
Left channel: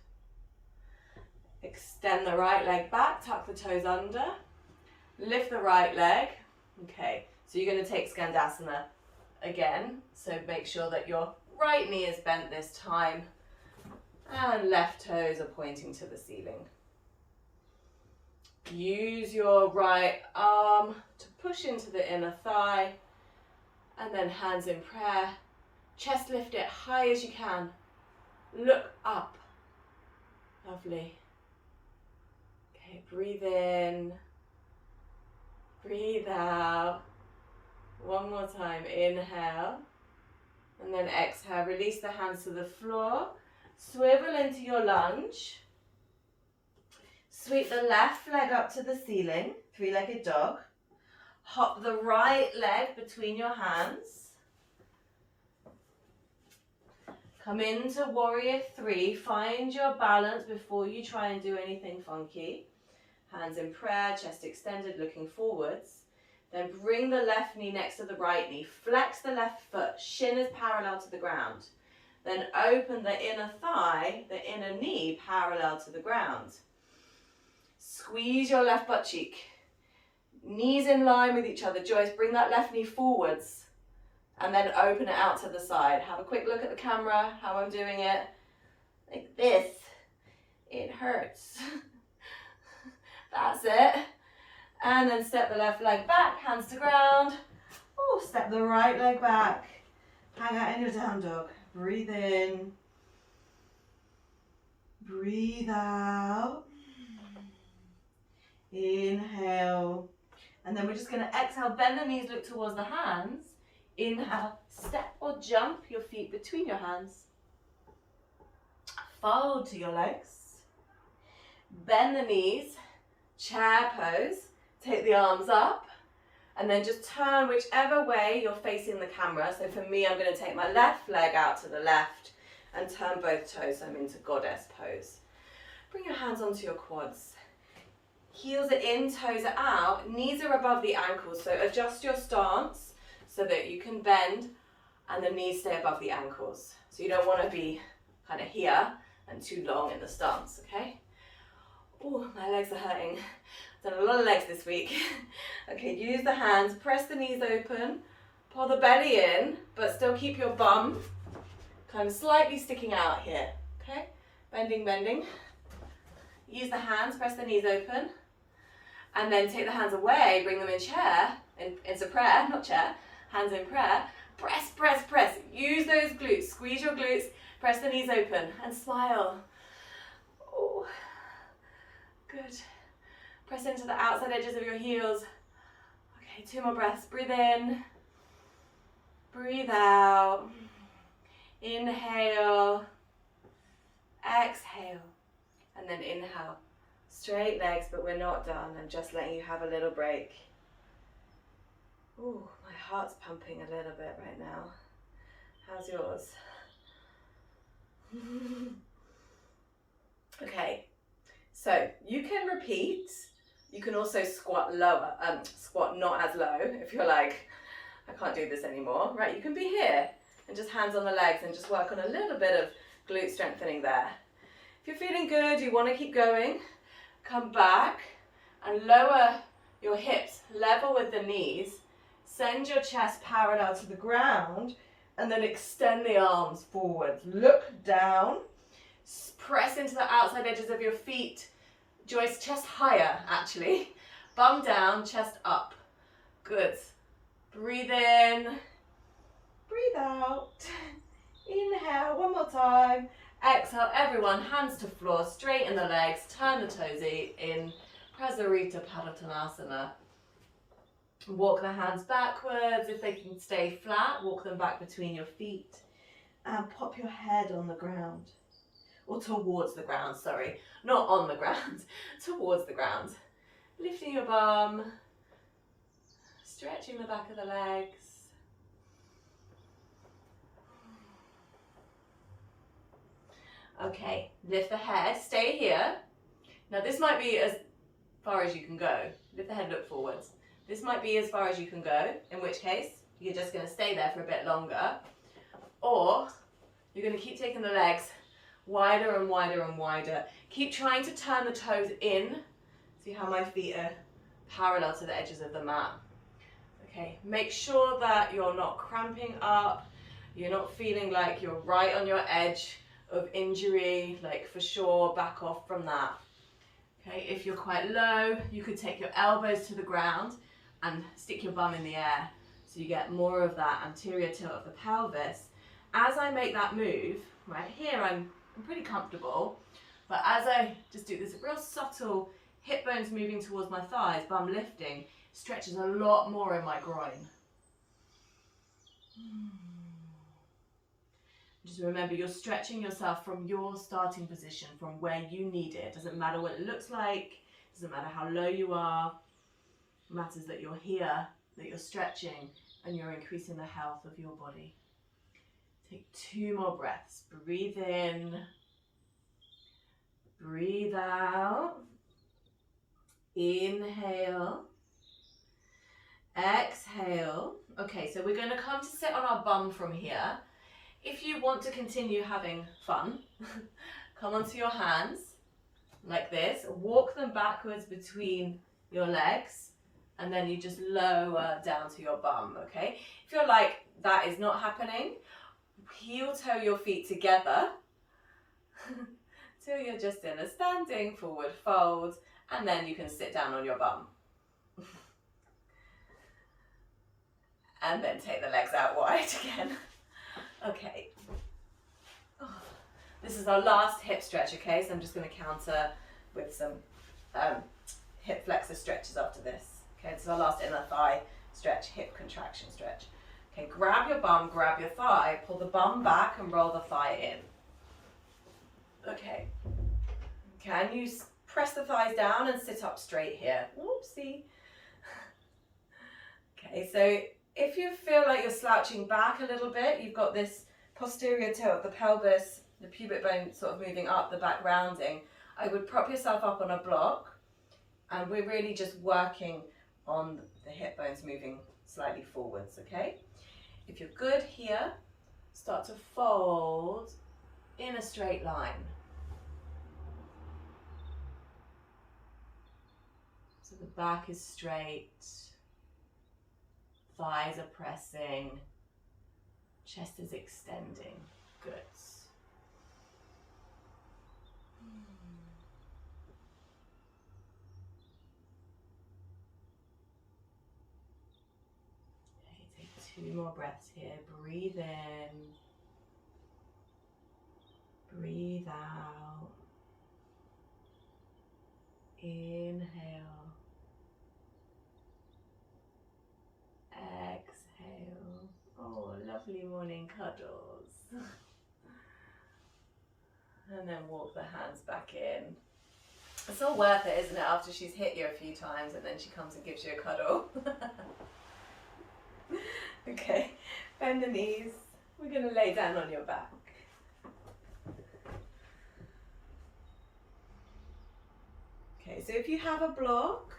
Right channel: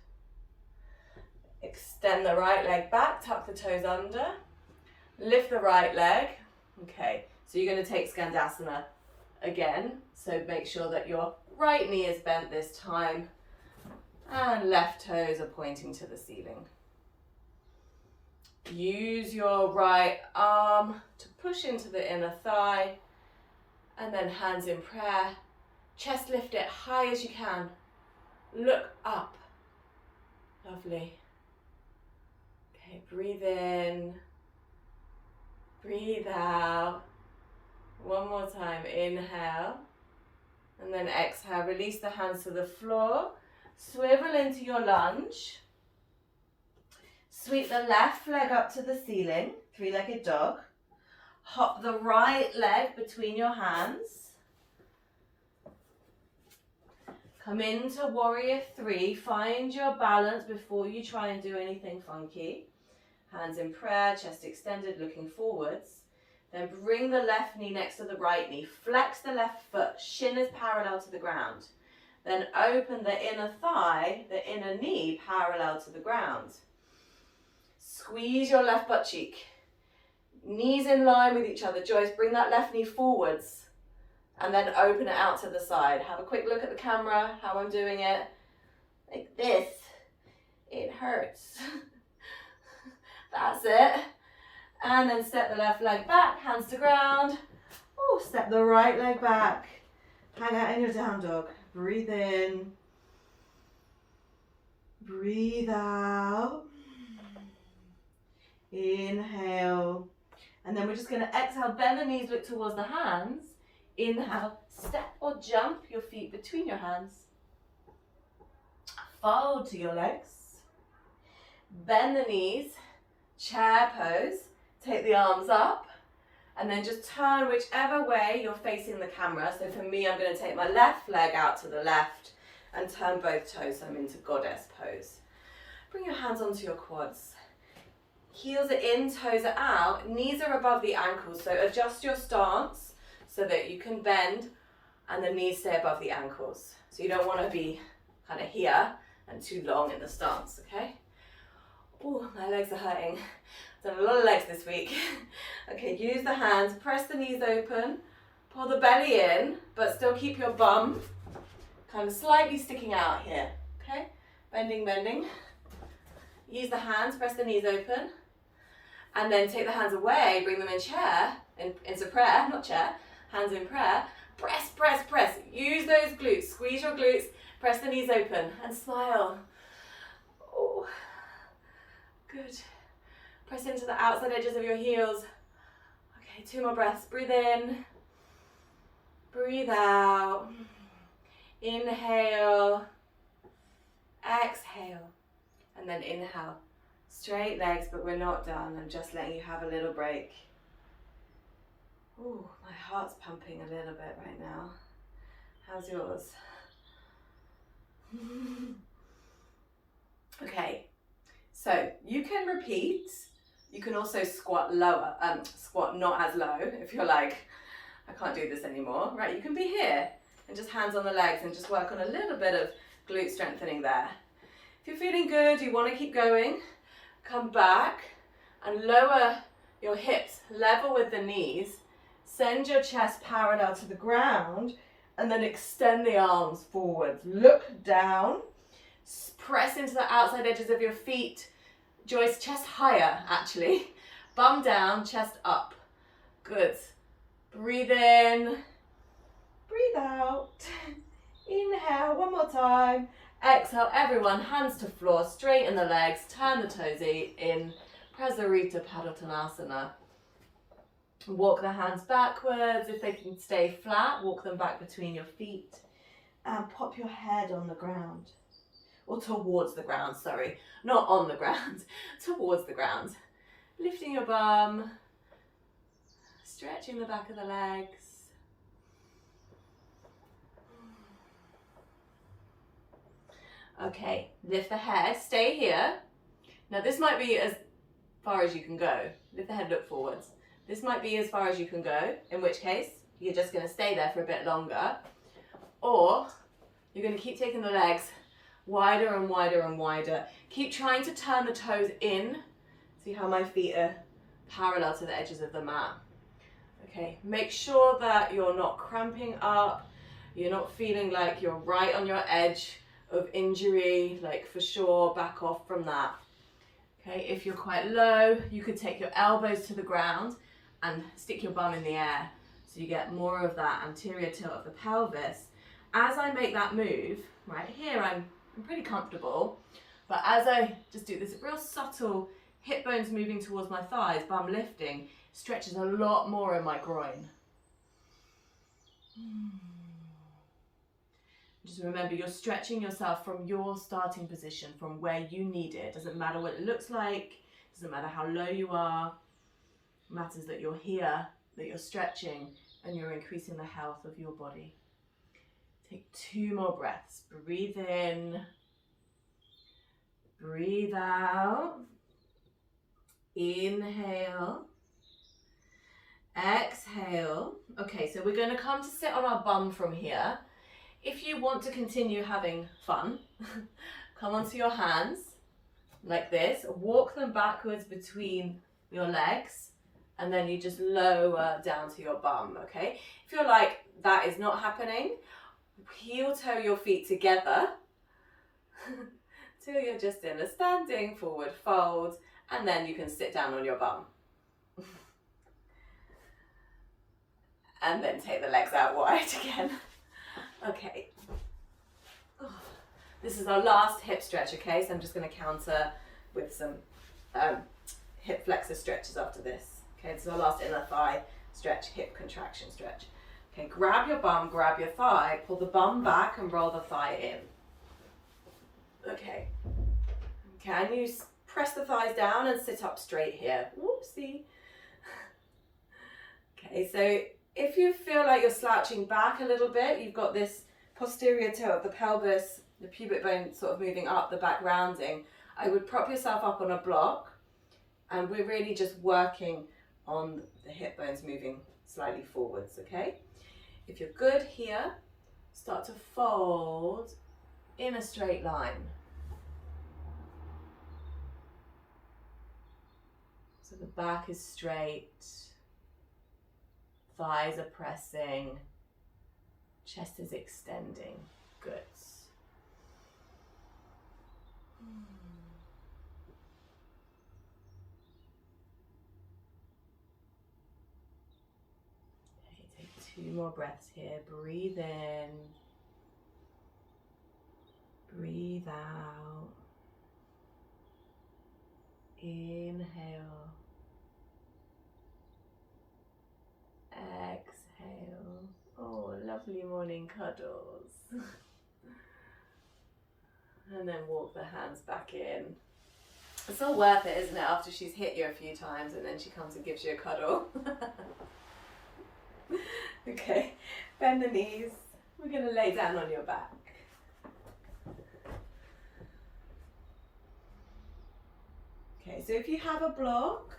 Extend the right leg back, tuck the toes under. Lift the right leg. Okay, so you're going to take Skandasana again, so make sure that your right knee is bent this time and left toes are pointing to the ceiling. Use your right arm to push into the inner thigh, and then hands in prayer. Chest lift it high as you can. Look up. Lovely. Okay, breathe in. Breathe out. One more time. Inhale. And then exhale. Release the hands to the floor. Swivel into your lunge. Sweep the left leg up to the ceiling. Three-legged dog. Hop the right leg between your hands. Come into warrior three. Find your balance before you try and do anything funky. Hands in prayer, chest extended, looking forwards. Then bring the left knee next to the right knee. Flex the left foot. Shin is parallel to the ground. Then open the inner thigh, the inner knee parallel to the ground. Squeeze your left butt cheek. Knees in line with each other. Joyce, bring that left knee forwards. And then open it out to the side. Have a quick look at the camera, how I'm doing it. Like this. It hurts. That's it. And then step the left leg back, hands to ground. Oh, step the right leg back. Hang out in your down dog. Breathe in. Breathe out. Inhale. And then we're just going to exhale, bend the knees, look towards the hands. Inhale, step or jump your feet between your hands. Fold to your legs. Bend the knees, chair pose. Take the arms up. And then just turn whichever way you're facing the camera. So for me, I'm going to take my left leg out to the left and turn both toes. So I'm into goddess pose. Bring your hands onto your quads. Heels are in, toes are out. Knees are above the ankles. So adjust your stance so that you can bend and the knees stay above the ankles. So you don't want to be kind of here and too long in the stance, okay? Oh, my legs are hurting. Done a lot of legs this week. Okay, use the hands, press the knees open, pull the belly in, but still keep your bum kind of slightly sticking out here, okay? Bending, bending. Use the hands, press the knees open, and then take the hands away, bring them in chair, into prayer, not chair, hands in prayer. Press, press, press. Use those glutes, squeeze your glutes, press the knees open, and smile. Oh, good. Press into the outside edges of your heels. Okay, 2 more breaths. Breathe in. Breathe out. Inhale. Exhale. And then inhale. Straight legs, but we're not done. I'm just letting you have a little break. Ooh, my heart's pumping a little bit right now. How's yours? Okay, so you can repeat. You can also squat lower, squat not as low if you're like, I can't do this anymore, right? You can be here and just hands on the legs and just work on a little bit of glute strengthening there. If you're feeling good, you want to keep going, come back and lower your hips level with the knees. Send your chest parallel to the ground and then extend the arms forward. Look down, press into the outside edges of your feet. Joyce, chest higher actually. Bum down, chest up. Good. Breathe in, breathe out. Inhale, one more time. Exhale, everyone, hands to floor, straighten the legs, turn the toes in, Prasarita Padottanasana. Walk the hands backwards. If they can stay flat, walk them back between your feet. And pop your head on the ground. Or towards the ground, sorry. Not on the ground, towards the ground. Lifting your bum. Stretching the back of the legs. Okay, lift the head, stay here. Now this might be as far as you can go. Lift the head, look forwards. This might be as far as you can go, in which case you're just going to stay there for a bit longer. Or you're going to keep taking the legs wider and wider and wider. Keep trying to turn the toes in. See how my feet are parallel to the edges of the mat. Okay, make sure that you're not cramping up. You're not feeling like you're right on your edge of injury, like for sure, back off from that. Okay, if you're quite low, you could take your elbows to the ground and stick your bum in the air. So you get more of that anterior tilt of the pelvis. As I make that move, right here, I'm pretty comfortable, but as I just do this real subtle hip bones moving towards my thighs, bum lifting, stretches a lot more in my groin. Just remember, you're stretching yourself from your starting position, from where you need it. Doesn't matter what it looks like, doesn't matter how low you are. It matters that you're here, that you're stretching, and you're increasing the health of your body. Take 2 more breaths. Breathe in, breathe out. Inhale, exhale. Okay, so we're going to come to sit on our bum from here. If you want to continue having fun, come onto your hands like this, walk them backwards between your legs, and then you just lower down to your bum, okay? If you're like, that is not happening, heel toe your feet together till you're just in a standing forward fold, and then you can sit down on your bum. And then take the legs out wide again. Okay. This is our last hip stretch, okay? So I'm just going to counter with some hip flexor stretches after this. Okay, this is our last inner thigh stretch, hip contraction stretch. Okay, grab your bum, grab your thigh, pull the bum back and roll the thigh in. Okay. Can you press the thighs down and sit up straight here? Whoopsie. Okay, so if you feel like you're slouching back a little bit, you've got this posterior tilt of the pelvis, the pubic bone sort of moving up, the back rounding, I would prop yourself up on a block, and we're really just working on the hip bones moving slightly forwards, okay? If you're good here, start to fold in a straight line. So the back is straight, thighs are pressing, chest is extending. Good. Okay, take 2 more breaths here. Breathe in, breathe out. Inhale, exhale. Oh, lovely morning cuddles. And then walk the hands back in. It's all worth it, isn't it, after she's hit you a few times and then she comes and gives you a cuddle. Okay, bend the knees. We're going to lay down on your back. Okay, so if you have a block,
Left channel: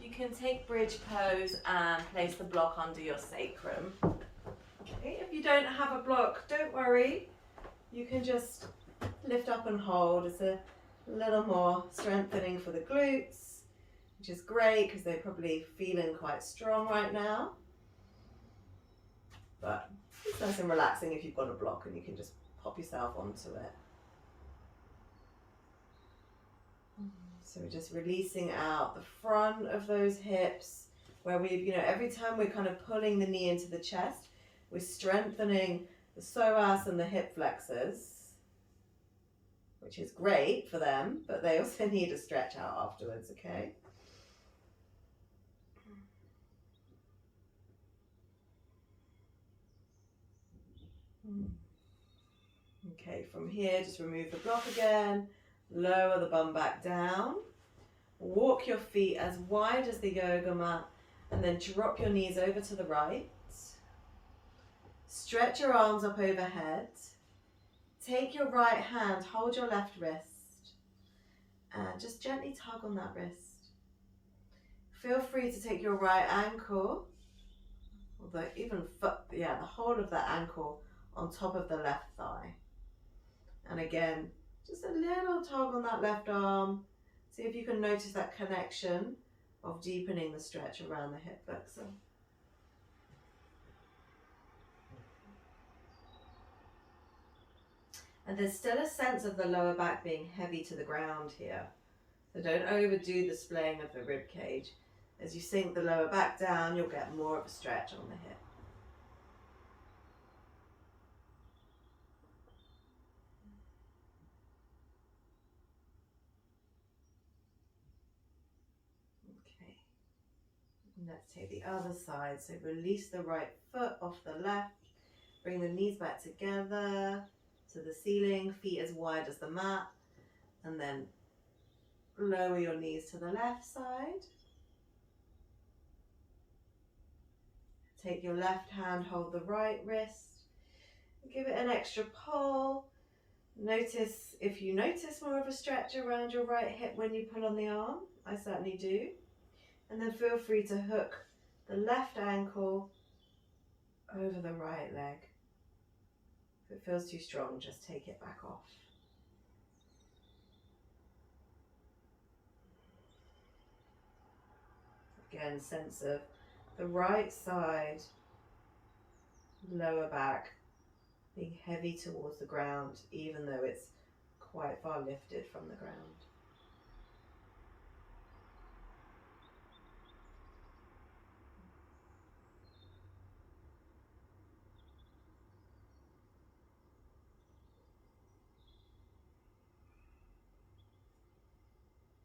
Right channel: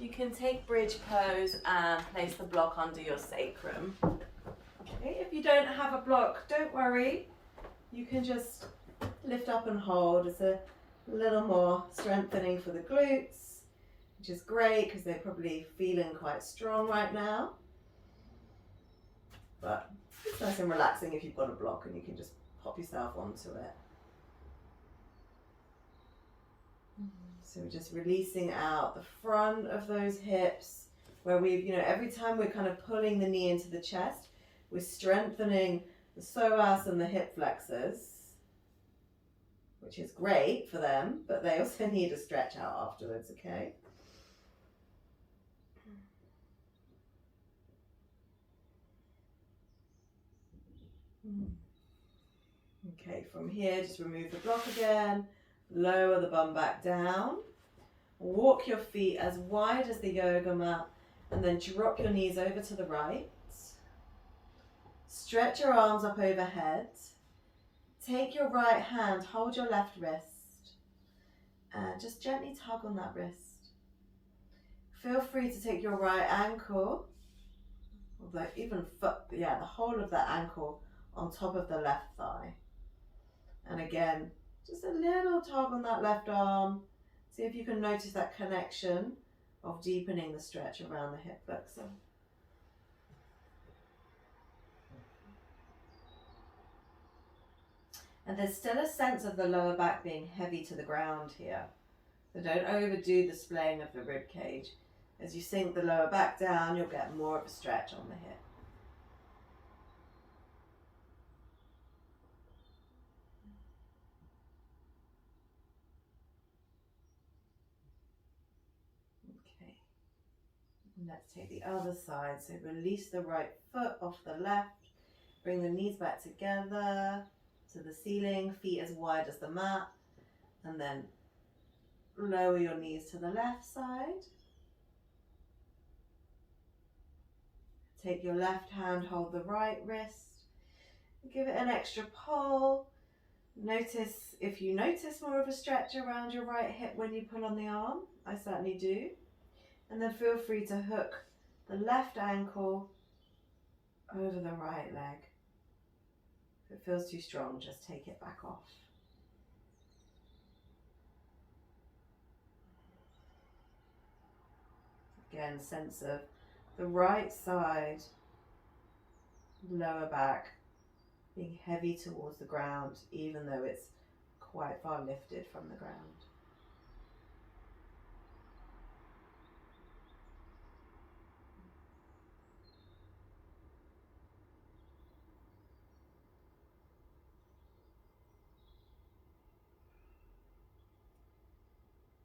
you can take bridge pose and place the block under your sacrum. Okay, if you don't have a block, don't worry. You can just lift up and hold. It's a little more strengthening for the glutes, which is great because they're probably feeling quite strong right now. But it's nice and relaxing if you've got a block and you can just pop yourself onto it. So we're just releasing out the front of those hips where we've, every time we're kind of pulling the knee into the chest, we're strengthening the psoas and the hip flexors, which is great for them, but they also need a stretch out afterwards, okay? Okay, from here, just remove the block again, lower the bum back down, walk your feet as wide as the yoga mat, and then drop your knees over to the right. Stretch your arms up overhead. Take your right hand, hold your left wrist, and just gently tug on that wrist. Feel free to take your right ankle, or even foot, the whole of that ankle on top of the left thigh. And again, just a little tug on that left arm. See if you can notice that connection of deepening the stretch around the hip flexor. And there's still a sense of the lower back being heavy to the ground here. So don't overdo the splaying of the rib cage. As you sink the lower back down, you'll get more of a stretch on the hip. Okay. And let's take the other side. So release the right foot off the left. Bring the knees back together to the ceiling, feet as wide as the mat. And then lower your knees to the left side. Take your left hand, hold the right wrist. Give it an extra pull. Notice if you notice more of a stretch around your right hip when you pull on the arm. I certainly do. And then feel free to hook the left ankle over the right leg. If it feels too strong, just take it back off. Again, sense of the right side, lower back, being heavy towards the ground, even though it's quite far lifted from the ground.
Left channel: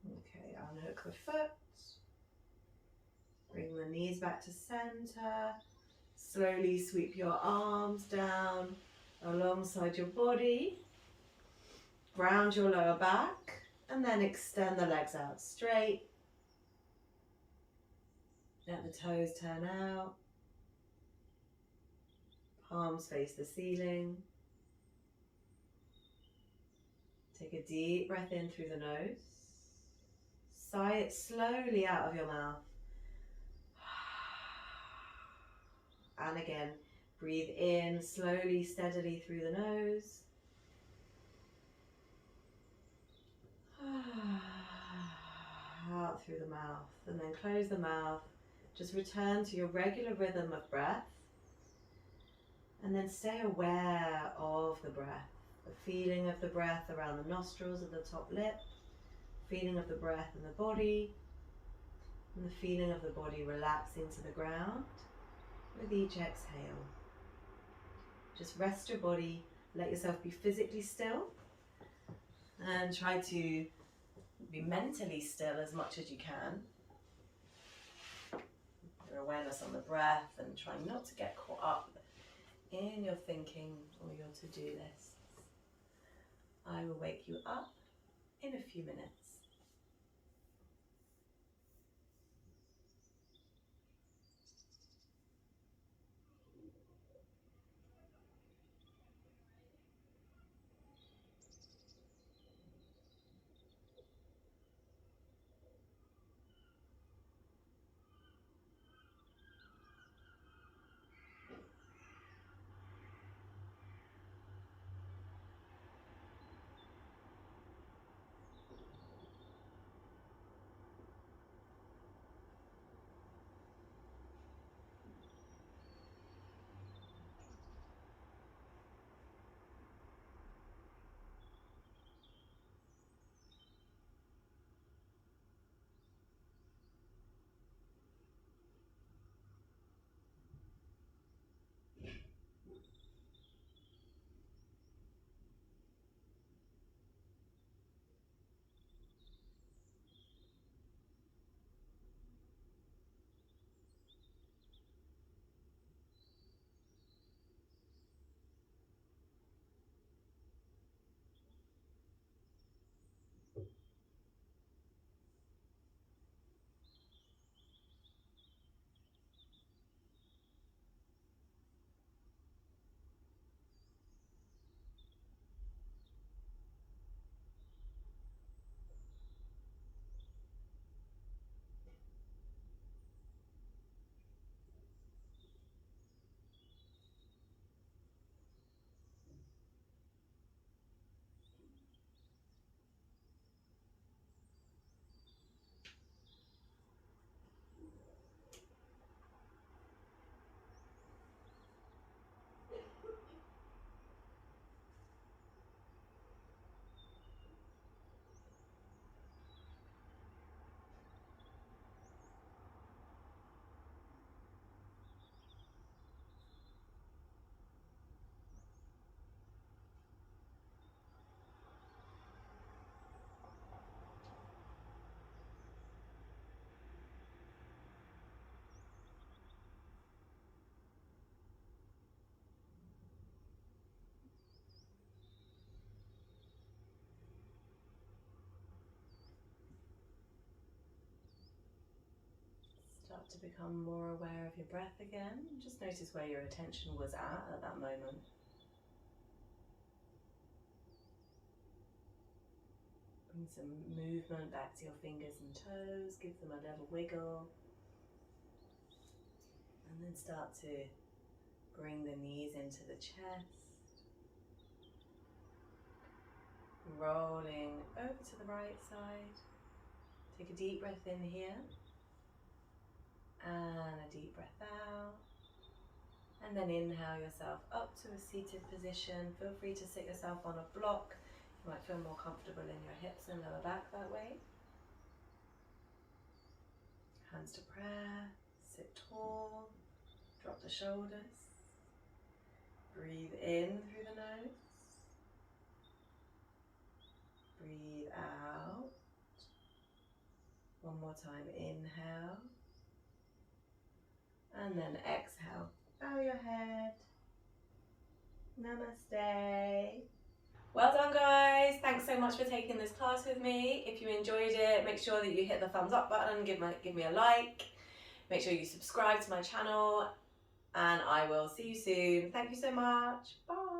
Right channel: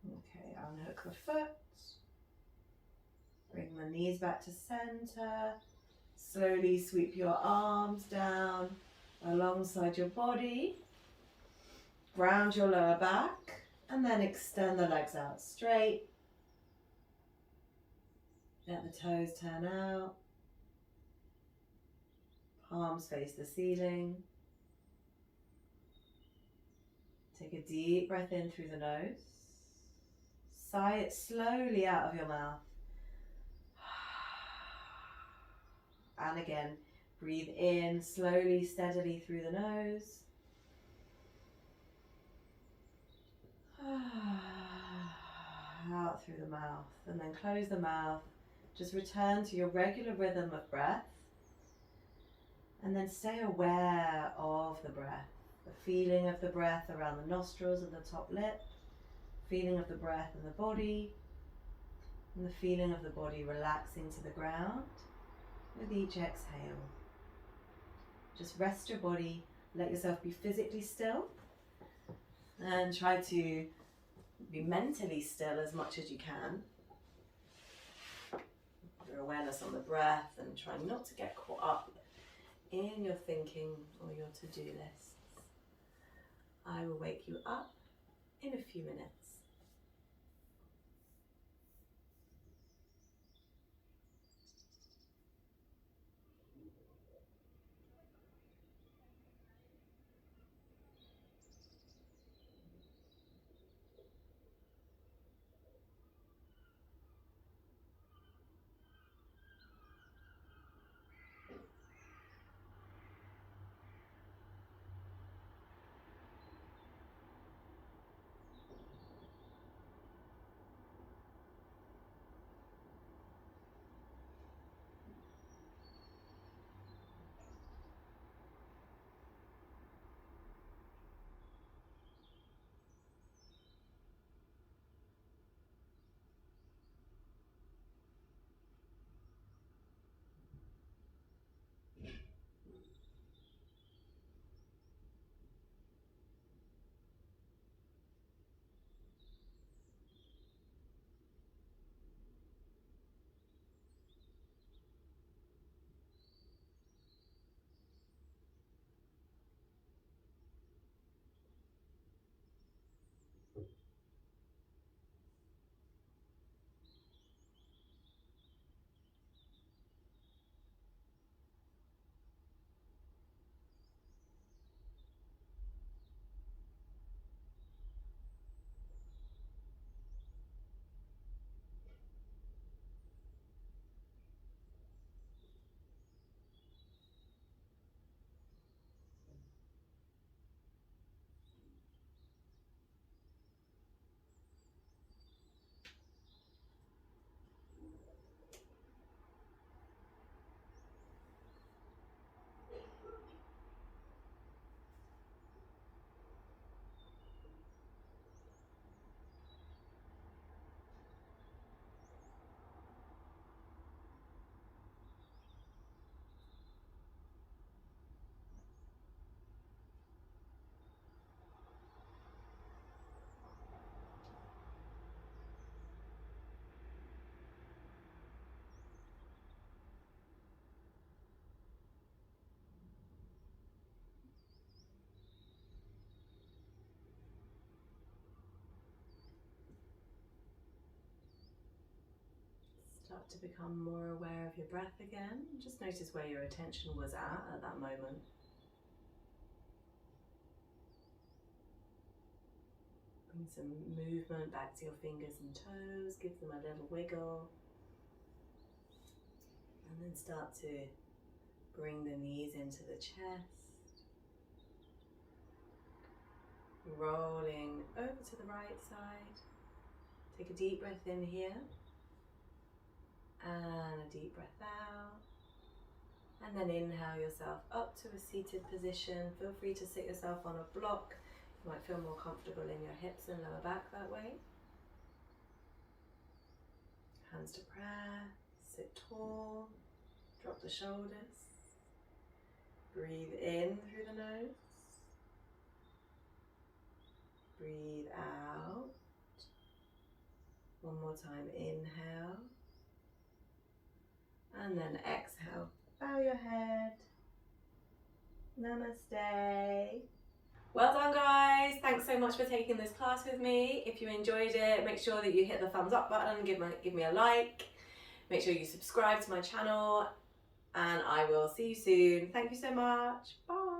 Okay, unhook the foot. Bring the knees back to center. Slowly sweep your arms down alongside your body. Ground your lower back and then extend the legs out straight. Let the toes turn out. Palms face the ceiling. Take a deep breath in through the nose. Sigh it slowly out of your mouth. And again, breathe in slowly, steadily through the nose. Out through the mouth, and then close the mouth. Just return to your regular rhythm of breath. And then stay aware of the breath. The feeling of the breath around the nostrils of the top lip. Feeling of the breath in the body. And the feeling of the body relaxing to the ground with each exhale. Just rest your body, let yourself be physically still, and try to be mentally still as much as you can. Your awareness on the breath, and try not to get caught up in your thinking or your to-do lists. I will wake you up in a few minutes. Start to become more aware of your breath again. Just notice where your attention was at that moment. Bring some movement back to your fingers and toes, give them a little wiggle. And then start to bring the knees into the chest. Rolling over to the right side. Take a deep breath in here. And a deep breath out. And then inhale yourself up to a seated position. Feel free to sit yourself on a block. You might feel more comfortable in your hips and lower back that way. Hands to prayer. Sit tall. Drop the shoulders. Breathe in through the nose. Breathe out. One more time. Inhale. And then exhale. Bow your head. Namaste. Well done, guys. Thanks so much for taking this class with me. If you enjoyed it, make sure that you hit the thumbs up button, give me a like. Make sure you subscribe to my channel, and I will see you soon. Thank you so much. Bye.